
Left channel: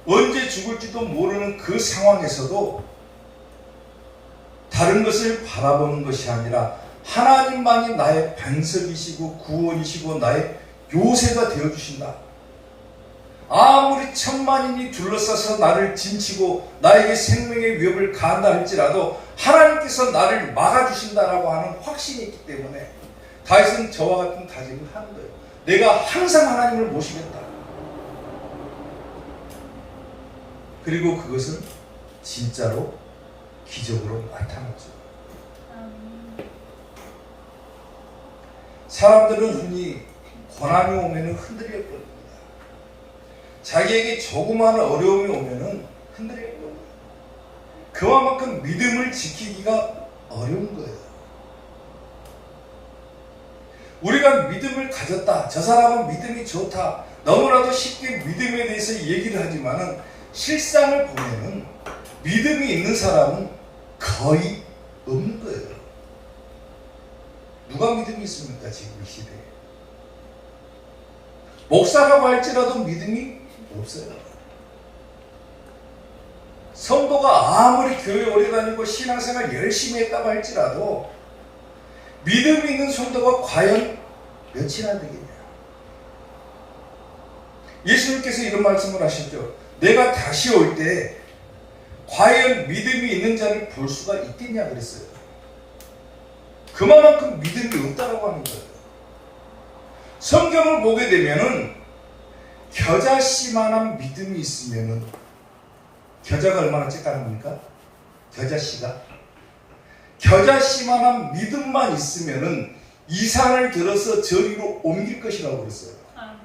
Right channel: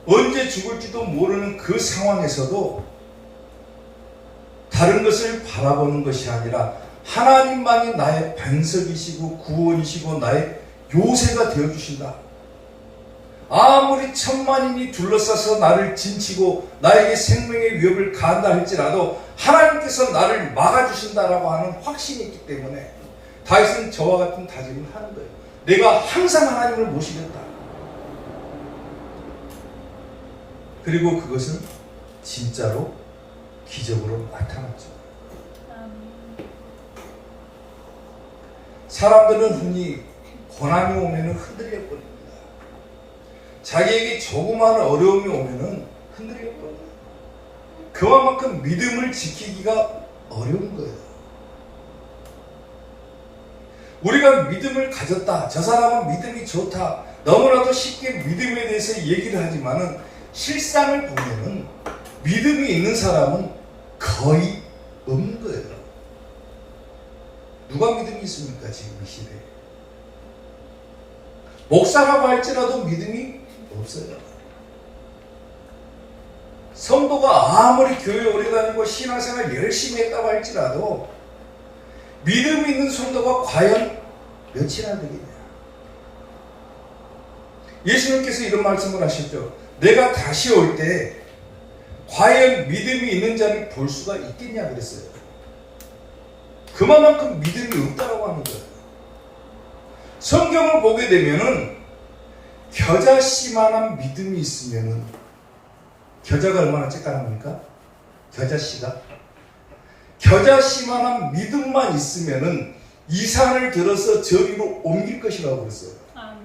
언제 죽을지도 모르는 그 상황에서도 다른 것을 바라보는 것이 아니라 하나님만이 나의 반석이시고 구원이시고 나의 요새가 되어주신다. 아무리 천만인이 둘러싸서 나를 진치고 나에게 생명의 위협을 가한다 할지라도 하나님께서 나를 막아주신다라고 하는 확신이 있기 때문에 다윗은 저와 같은 다짐을 하는 거예요. 내가 항상 하나님을 모시겠다. 그리고 그것은 진짜로 기적으로 나타났죠. 사람들은 흔히 고난이 오면 흔들려 버립니다. 자기에게 조그마한 어려움이 오면 흔들려 버립니다. 그와만큼 믿음을 지키기가 어려운 거예요. 우리가 믿음을 가졌다. 저 사람은 믿음이 좋다. 너무나도 쉽게 믿음에 대해서 얘기를 하지만은 실상을 보면은 믿음이 있는 사람은 거의 없는 거예요. 누가 믿음이 있습니까? 지금 이 시대에. 목사라고 할지라도 믿음이 없어요. 성도가 아무리 교회 오래 다니고 신앙생활 열심히 했다고 할지라도 믿음이 있는 성도가 과연 몇이나 되겠냐. 예수님께서 이런 말씀을 하셨죠. 내가 다시 올 때 과연 믿음이 있는 자를 볼 수가 있겠냐 그랬어요. 그만큼 믿음이 없다고 하는 거예요. 성경을 보게 되면은 겨자씨만한 믿음이 있으면은 겨자가 얼마나 쬐까납니까? 겨자씨가 겨자씨만한 믿음만 있으면은 이 산을 들어서 저리로 옮길 것이라고 그랬어요. 아멘.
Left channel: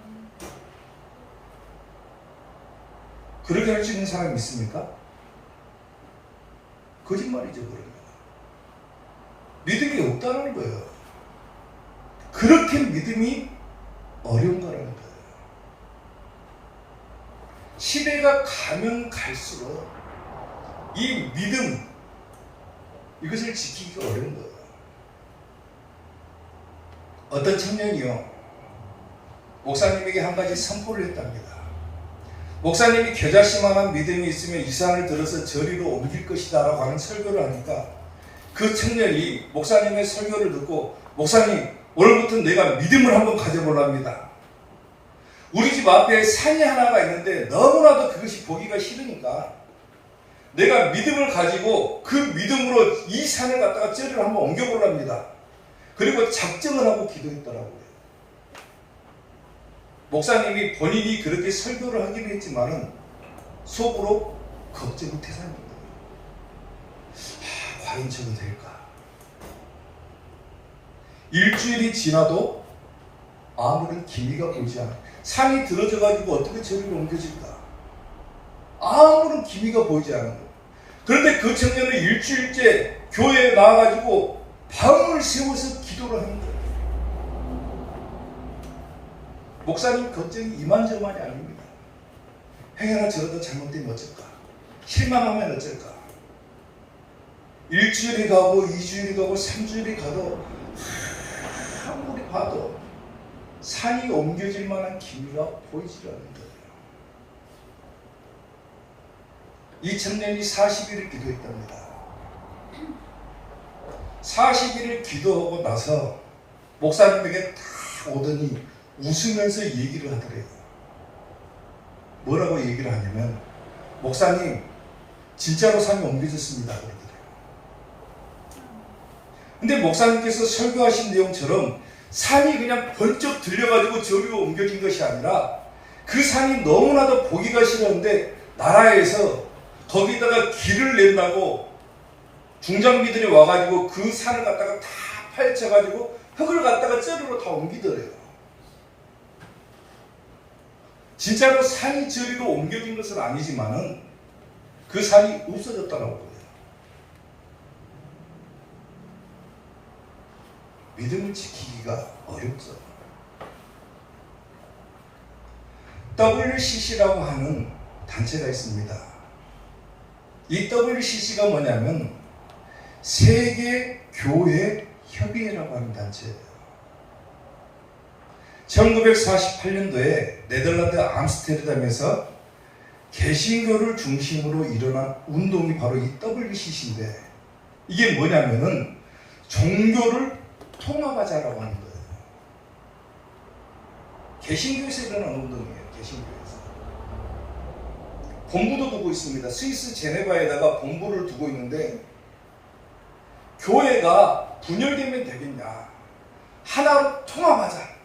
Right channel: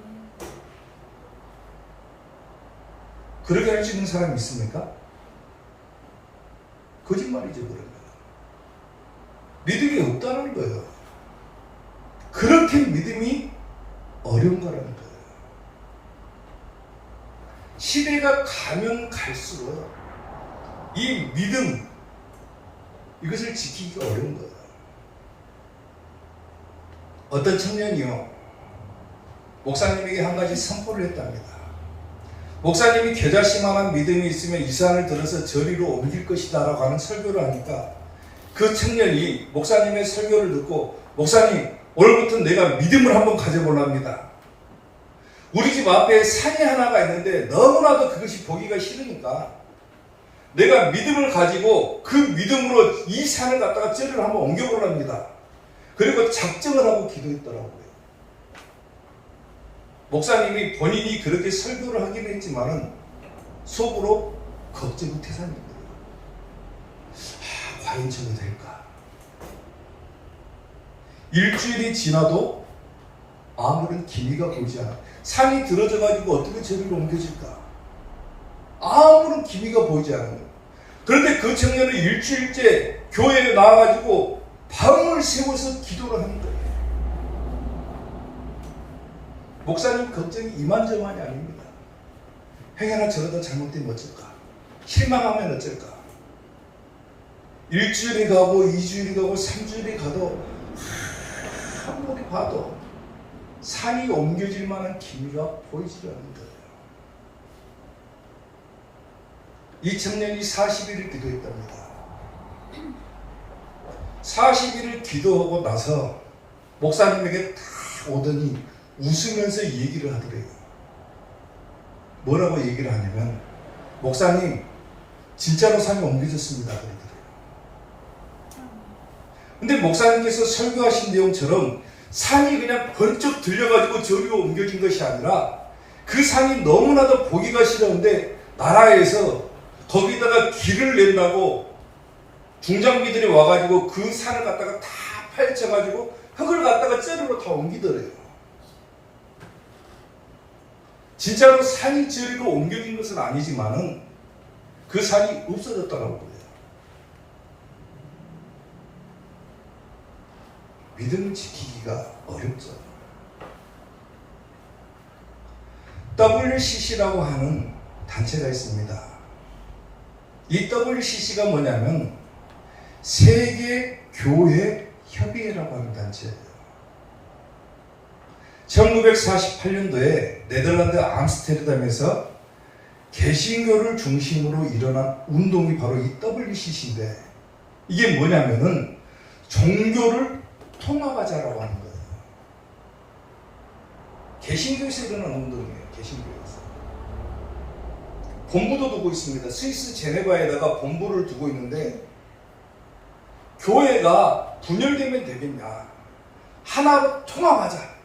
그렇게 할 수 있는 사람이 있습니까? 거짓말이죠, 그런 거. 믿음이 없다는 거예요. 그렇게 믿음이 어려운 거라는 거예요. 시대가 가면 갈수록 이 믿음, 이것을 지키기가 어려운 거예요. 어떤 청년이요, 목사님에게 한 가지 선포를 했답니다. 목사님이 겨자씨만한 믿음이 있으면 이 산을 들어서 저리로 옮길 것이다 라고 하는 설교를 하니까 그 청년이 목사님의 설교를 듣고 목사님, 오늘부터 내가 믿음을 한번 가져보랍니다. 우리 집 앞에 산이 하나가 있는데 너무나도 그것이 보기가 싫으니까 내가 믿음을 가지고 그 믿음으로 이 산을 갖다가 쟤를 한번 옮겨보랍니다. 그리고 작정을 하고 기도했더라고요. 목사님이 본인이 그렇게 설교를 하기는 했지만은 속으로 걱정이 태산인 거예요. 과연 저는 될까? 일주일이 지나도 아무런 기미가 보이지 않아. 산이 들어져 가지고 어떻게 저리로 옮겨질까? 아무런 기미가 보이지 않는 거예요. 그런데 그 청년은 일주일째 교회에 나와가지고 밤을 새워서 기도를 하는 거예요. 목사님 걱정이 이만저만이 아닙니다. 행여나 저러다 잘못되면 어쩔까? 실망하면 어쩔까? 일주일이 가고 2주일이 가고 3주일이 가도 아무리 봐도 산이 옮겨질 만한 기미가 보이지 않는 거예요. 이 청년이 40일을 기도했답니다. 40일을 기도하고 나서 목사님에게 다 오더니 웃으면서 얘기를 하더래요. 뭐라고 얘기를 하냐면, 목사님 진짜로 산이 옮겨졌습니다 그러더래요. 근데 목사님께서 설교하신 내용처럼 산이 그냥 번쩍 들려가지고 저리로 옮겨진 것이 아니라 그 산이 너무나도 보기가 싫었는데 나라에서 거기다가 길을 낸다고 중장비들이 와가지고 그 산을 갖다가 다 파헤쳐가지고 흙을 갖다가 저리로 다 옮기더래요. 진짜로 산이 저리로 옮겨진 것은 아니지만은 그 산이 없어졌다고 그래요. 믿음을 지키기가 어렵죠. WCC라고 하는 단체가 있습니다. 이 WCC가 뭐냐면 세계교회협의회라고 하는 단체예요. 1948년도에 네덜란드 암스테르담에서 개신교를 중심으로 일어난 운동이 바로 이 WCC인데, 이게 뭐냐면은 종교를 통합하자라고 하는 거예요. 개신교에서 일어난 운동이에요. 개신교에서. 본부도 두고 있습니다. 스위스 제네바에다가 본부를 두고 있는데, 교회가 분열되면 되겠냐? 하나로 통합하자.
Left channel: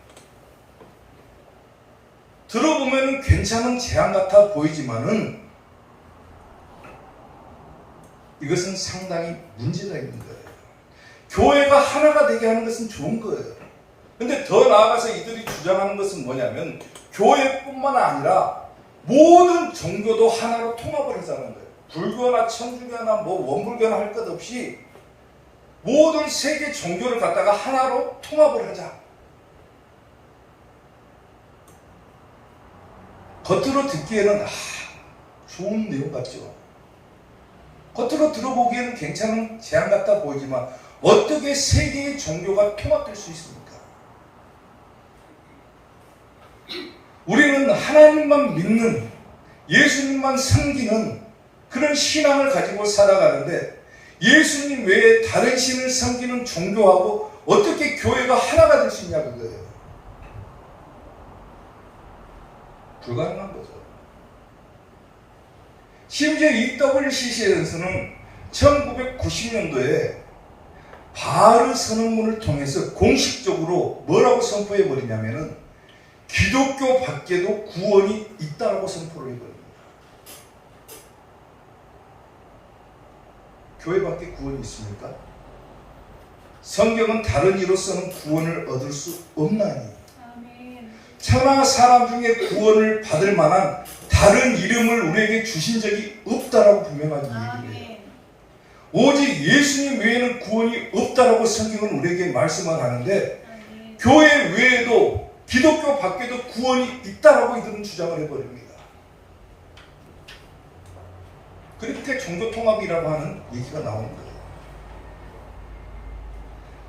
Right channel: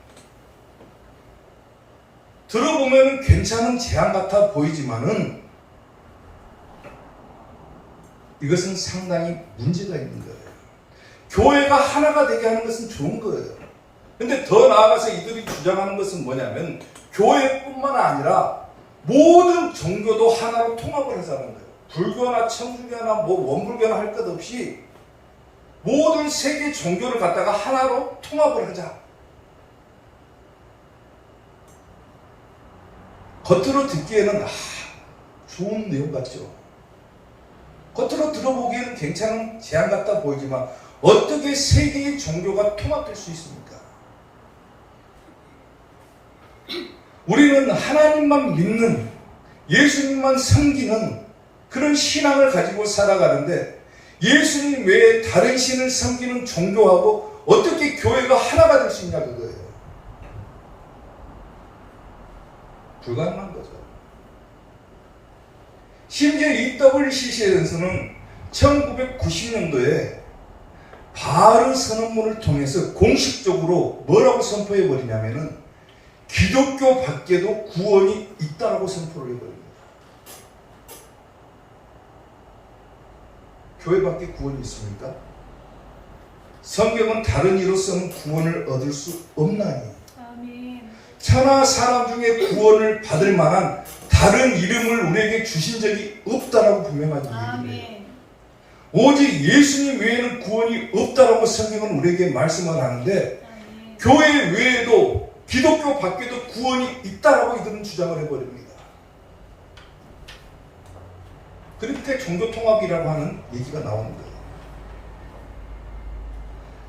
들어보면 괜찮은 제안 같아 보이지만은 이것은 상당히 문제가 있는 거예요. 교회가 하나가 되게 하는 것은 좋은 거예요. 근데 더 나아가서 이들이 주장하는 것은 뭐냐면 교회뿐만 아니라 모든 종교도 하나로 통합을 하자는 거예요. 불교나 천주교나 원불교나 할 것 없이 모든 세계 종교를 갖다가 하나로 통합을 하자. 겉으로 듣기에는 좋은 내용 같죠. 겉으로 들어보기에는 괜찮은 제안 같아 보이지만 어떻게 세계의 종교가 통합될 수 있습니까? 우리는 하나님만 믿는, 예수님만 섬기는 그런 신앙을 가지고 살아가는데 예수님 외에 다른 신을 섬기는 종교하고 어떻게 교회가 하나가 될 수 있냐 그거예요. 불가능한 거죠. 심지어 이 WCC에서는 1990년도에 바르 선언문을 통해서 공식적으로 뭐라고 선포해 버리냐면은 기독교 밖에도 구원이 있다라고 선포를 해버립니다. 교회 밖에 구원이 있습니까? 성경은 다른 이로서는 구원을 얻을 수 없나니 천하 사람 중에 구원을 받을 만한 다른 이름을 우리에게 주신 적이 없다라고 분명하게 얘기해요. 오직 예수님 외에는 구원이 없다라고 성경은 우리에게 말씀을 하는데 교회 외에도 기독교 밖에도 구원이 있다라고 이들은 주장을 해버립니다. 그러니까 종교통합이라고 하는 얘기가 나오는 거예요.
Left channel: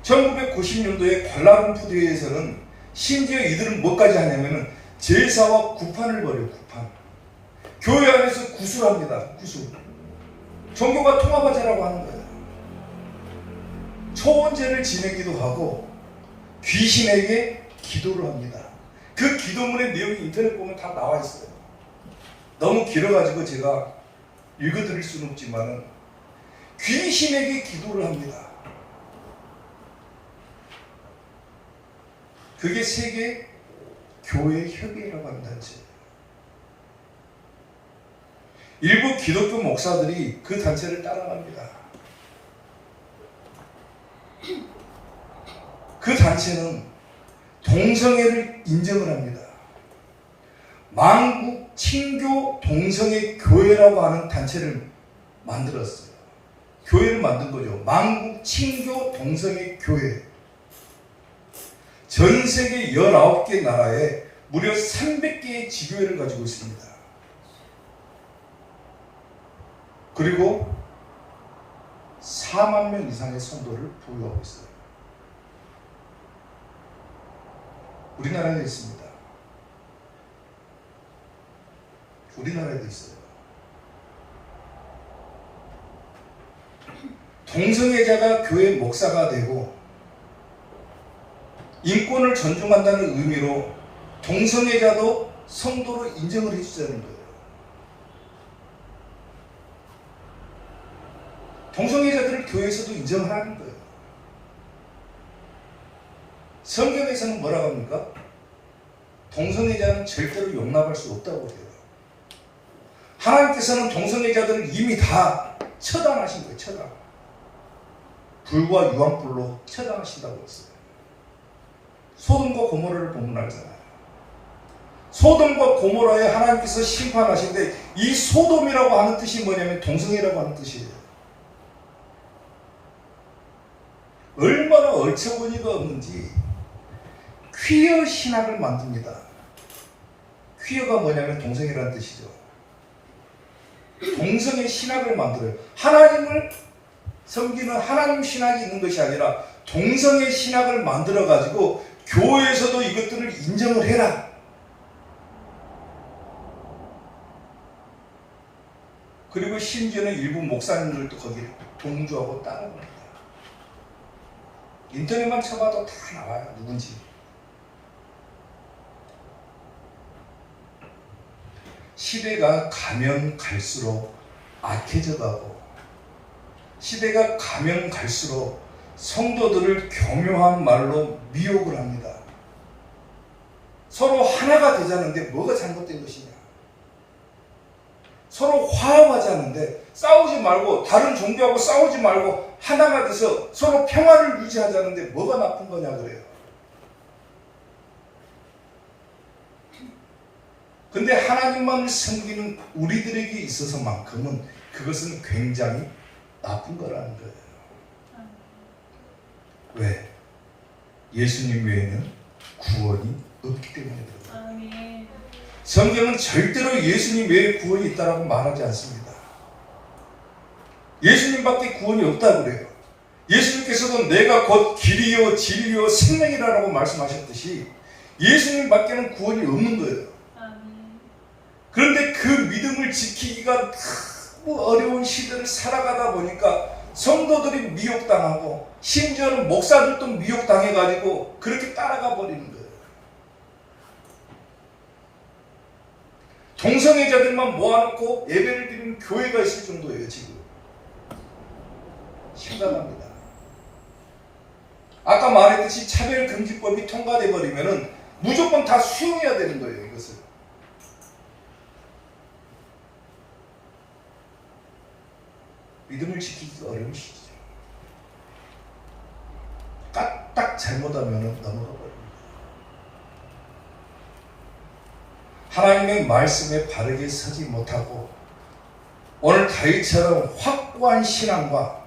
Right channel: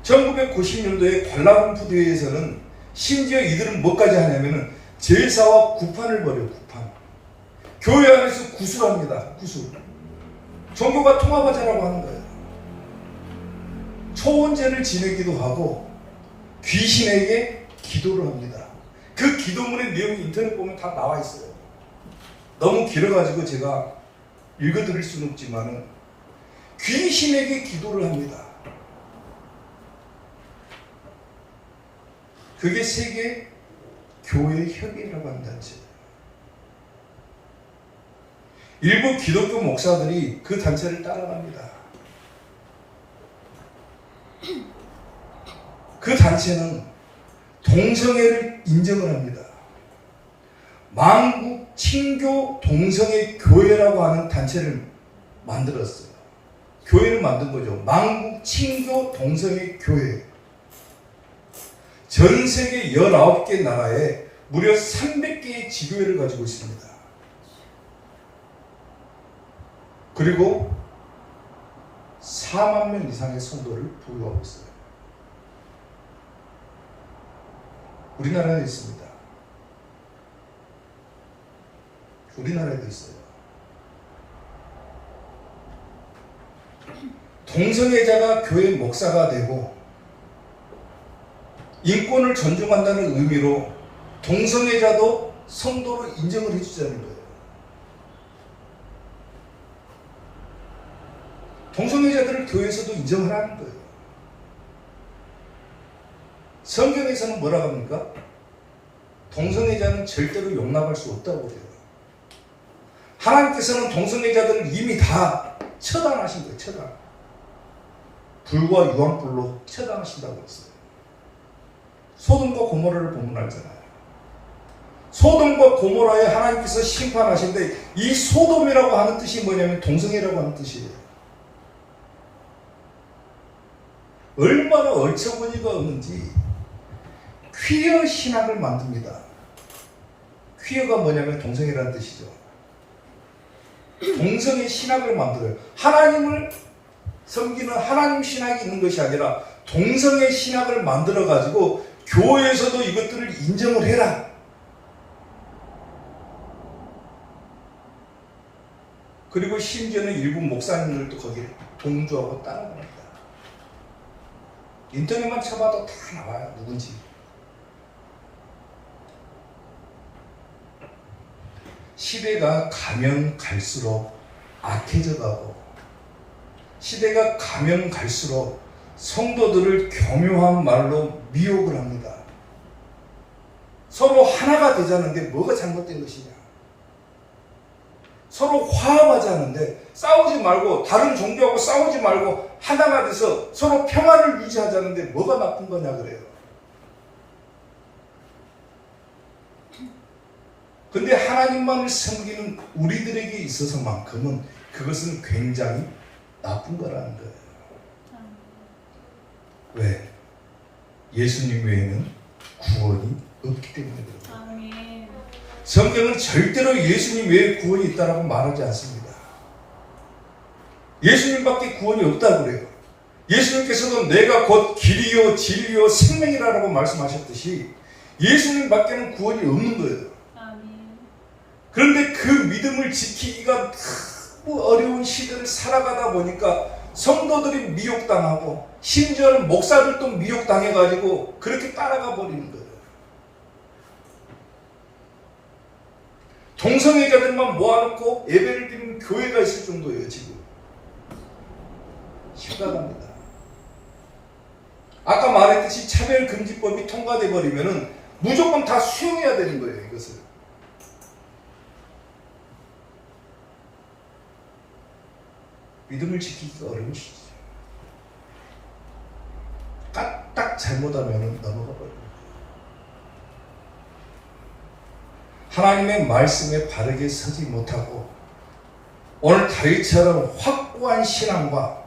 1990년도에 관람푸드에서는 심지어 이들은 뭐까지 하냐면은 제사와 구판을 벌여요. 구판. 교회 안에서 구술합니다. 구술. 종교가 통합하자라고 하는 거예요. 초원제를 지내기도 하고 귀신에게 기도를 합니다. 그 기도문의 내용이 인터넷 보면 다 나와 있어요. 너무 길어가지고 제가 읽어드릴 수는 없지만은 귀신에게 기도를 합니다. 그게 세계 교회 협의회라고 하는 단체예요. 일부 기독교 목사들이 그 단체를 따라갑니다. 그 단체 단체는 동성애를 인정을 합니다. 만국 친교 동성애 교회라고 하는 단체를 만들었어요. 교회를 만든 거죠. 만국 친교 동성애 교회. 전 세계 19개 나라에 무려 300개의 지교회를 가지고 있습니다. 그리고 4만 명 이상의 성도를 보유하고 있어요. 우리나라에도 있습니다. 우리나라에도 있어요. 동성애자가 교회 목사가 되고 인권을 존중한다는 의미로 동성애자도 성도로 인정을 해주자는 거예요. 동성애자들을 교회에서도 인정하라는 거예요. 성경에서는 뭐라고 합니까? 동성애자는 절대로 용납할 수 없다고 그래요. 하나님께서는 동성애자들을 이미 다 처단하신 거예요. 처단. 불과 유황불로 처단하신다고 했어요. 소돔과 고모라를 보면 알잖아요. 소돔과 고모라에 하나님께서 심판하신데 이 소돔이라고 하는 뜻이 뭐냐면 동성애라고 하는 뜻이에요. 얼마나 어처구니가 없는지 퀴어 신앙을 만듭니다. 퀴어가 뭐냐면 동성애라는 뜻이죠. 동성애 신학을 만들어요. 하나님을 섬기는 하나님 신학이 있는 것이 아니라 동성애 신학을 만들어 가지고 교회에서도 이것들을 인정을 해라. 그리고 심지어는 일부 목사님들도 거기에 동조하고 따라갑니다. 인터넷만 쳐봐도 다 나와요. 누군지. 시대가 가면 갈수록 악해져 가고 시대가 가면 갈수록 성도들을 교묘한 말로 미혹을 합니다. 서로 하나가 되자는데 뭐가 잘못된 것이냐? 서로 화합하자는데 싸우지 말고 다른 종교하고 싸우지 말고 하나가 돼서 서로 평화를 유지하자는데 뭐가 나쁜 거냐 그래요. 근데 하나님만을 섬기는 우리들에게 있어서만큼은 그것은 굉장히 나쁜 거라는 거예요. 왜? 예수님 외에는 구원이 없기 때문에 그래요. 아멘. 성경은 절대로 예수님 외에 구원이 있다고 말하지 않습니다. 예수님밖에 구원이 없다고 그래요. 예수님께서도 내가 곧 길이요 진리요 생명이라고 말씀하셨듯이 예수님밖에는 구원이 없는 거예요. 아멘. 그런데 그 믿음을 지키기가 너무 어려운 시대를 살아가다 보니까 성도들이 미혹당하고 심지어는 목사들도 미혹당해가지고 그렇게 따라가 버리는 거예요. 동성애자들만 모아놓고 예배를 드리는 교회가 있을 정도예요. 지금 심각합니다. 아까 말했듯이 차별금지법이 통과돼 버리면은 무조건 다 수용해야 되는 거예요. 이것을. 믿음을 지키기가 어려운 시기죠. 까딱 잘못하면 넘어가 버립니다. 하나님의 말씀에 바르게 서지 못하고 오늘 다윗처럼 확고한 신앙과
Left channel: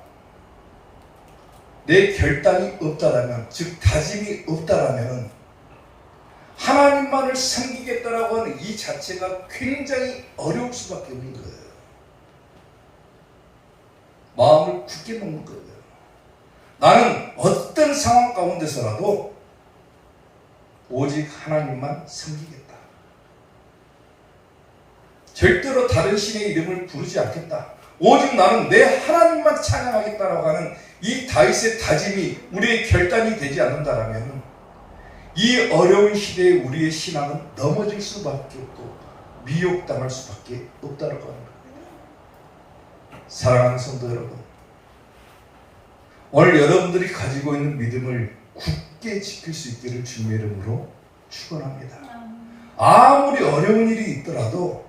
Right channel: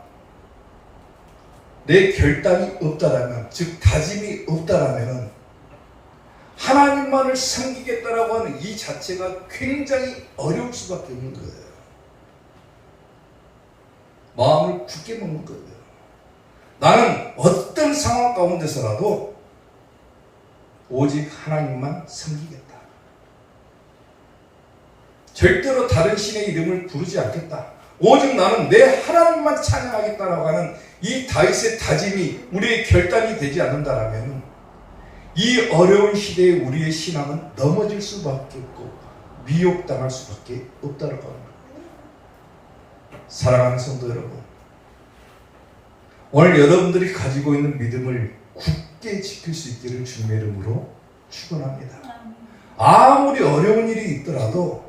내 결단이 없다라면, 즉 다짐이 없다라면 하나님만을 섬기겠다라고 하는 이 자체가 굉장히 어려울 수밖에 없는 거예요. 마음을 굳게 먹는 거예요. 나는 어떤 상황 가운데서라도 오직 하나님만 섬기겠다. 절대로 다른 신의 이름을 부르지 않겠다. 오직 나는 내 하나님만 찬양하겠다라고 하는 이 다윗의 다짐이 우리의 결단이 되지 않는다라면 이 어려운 시대에 우리의 신앙은 넘어질 수밖에 없고 미혹당할 수밖에 없다라고 합니다. 사랑하는 성도 여러분, 오늘 여러분들이 가지고 있는 믿음을 굳게 지킬 수 있기를 주님의 이름으로 축원합니다. 아무리 어려운 일이 있더라도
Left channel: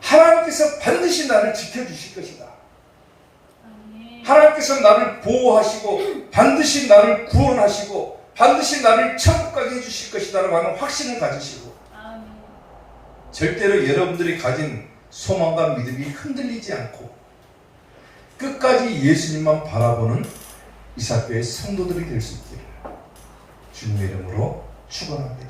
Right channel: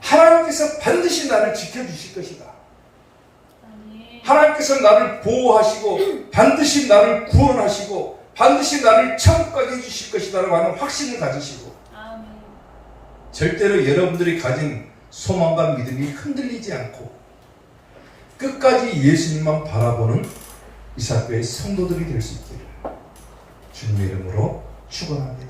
하나님께서 반드시 나를 지켜주실 것이다. 하나님께서 나를 보호하시고 반드시 나를 구원하시고 반드시 나를 천국 가게 해주실 것이다라고 하는 확신을 가지시고 아멘. 절대로 여러분들이 가진 소망과 믿음이 흔들리지 않고 끝까지 예수님만 바라보는 이사교의 성도들이 될 수 있기를 주님의 이름으로 축원합니다.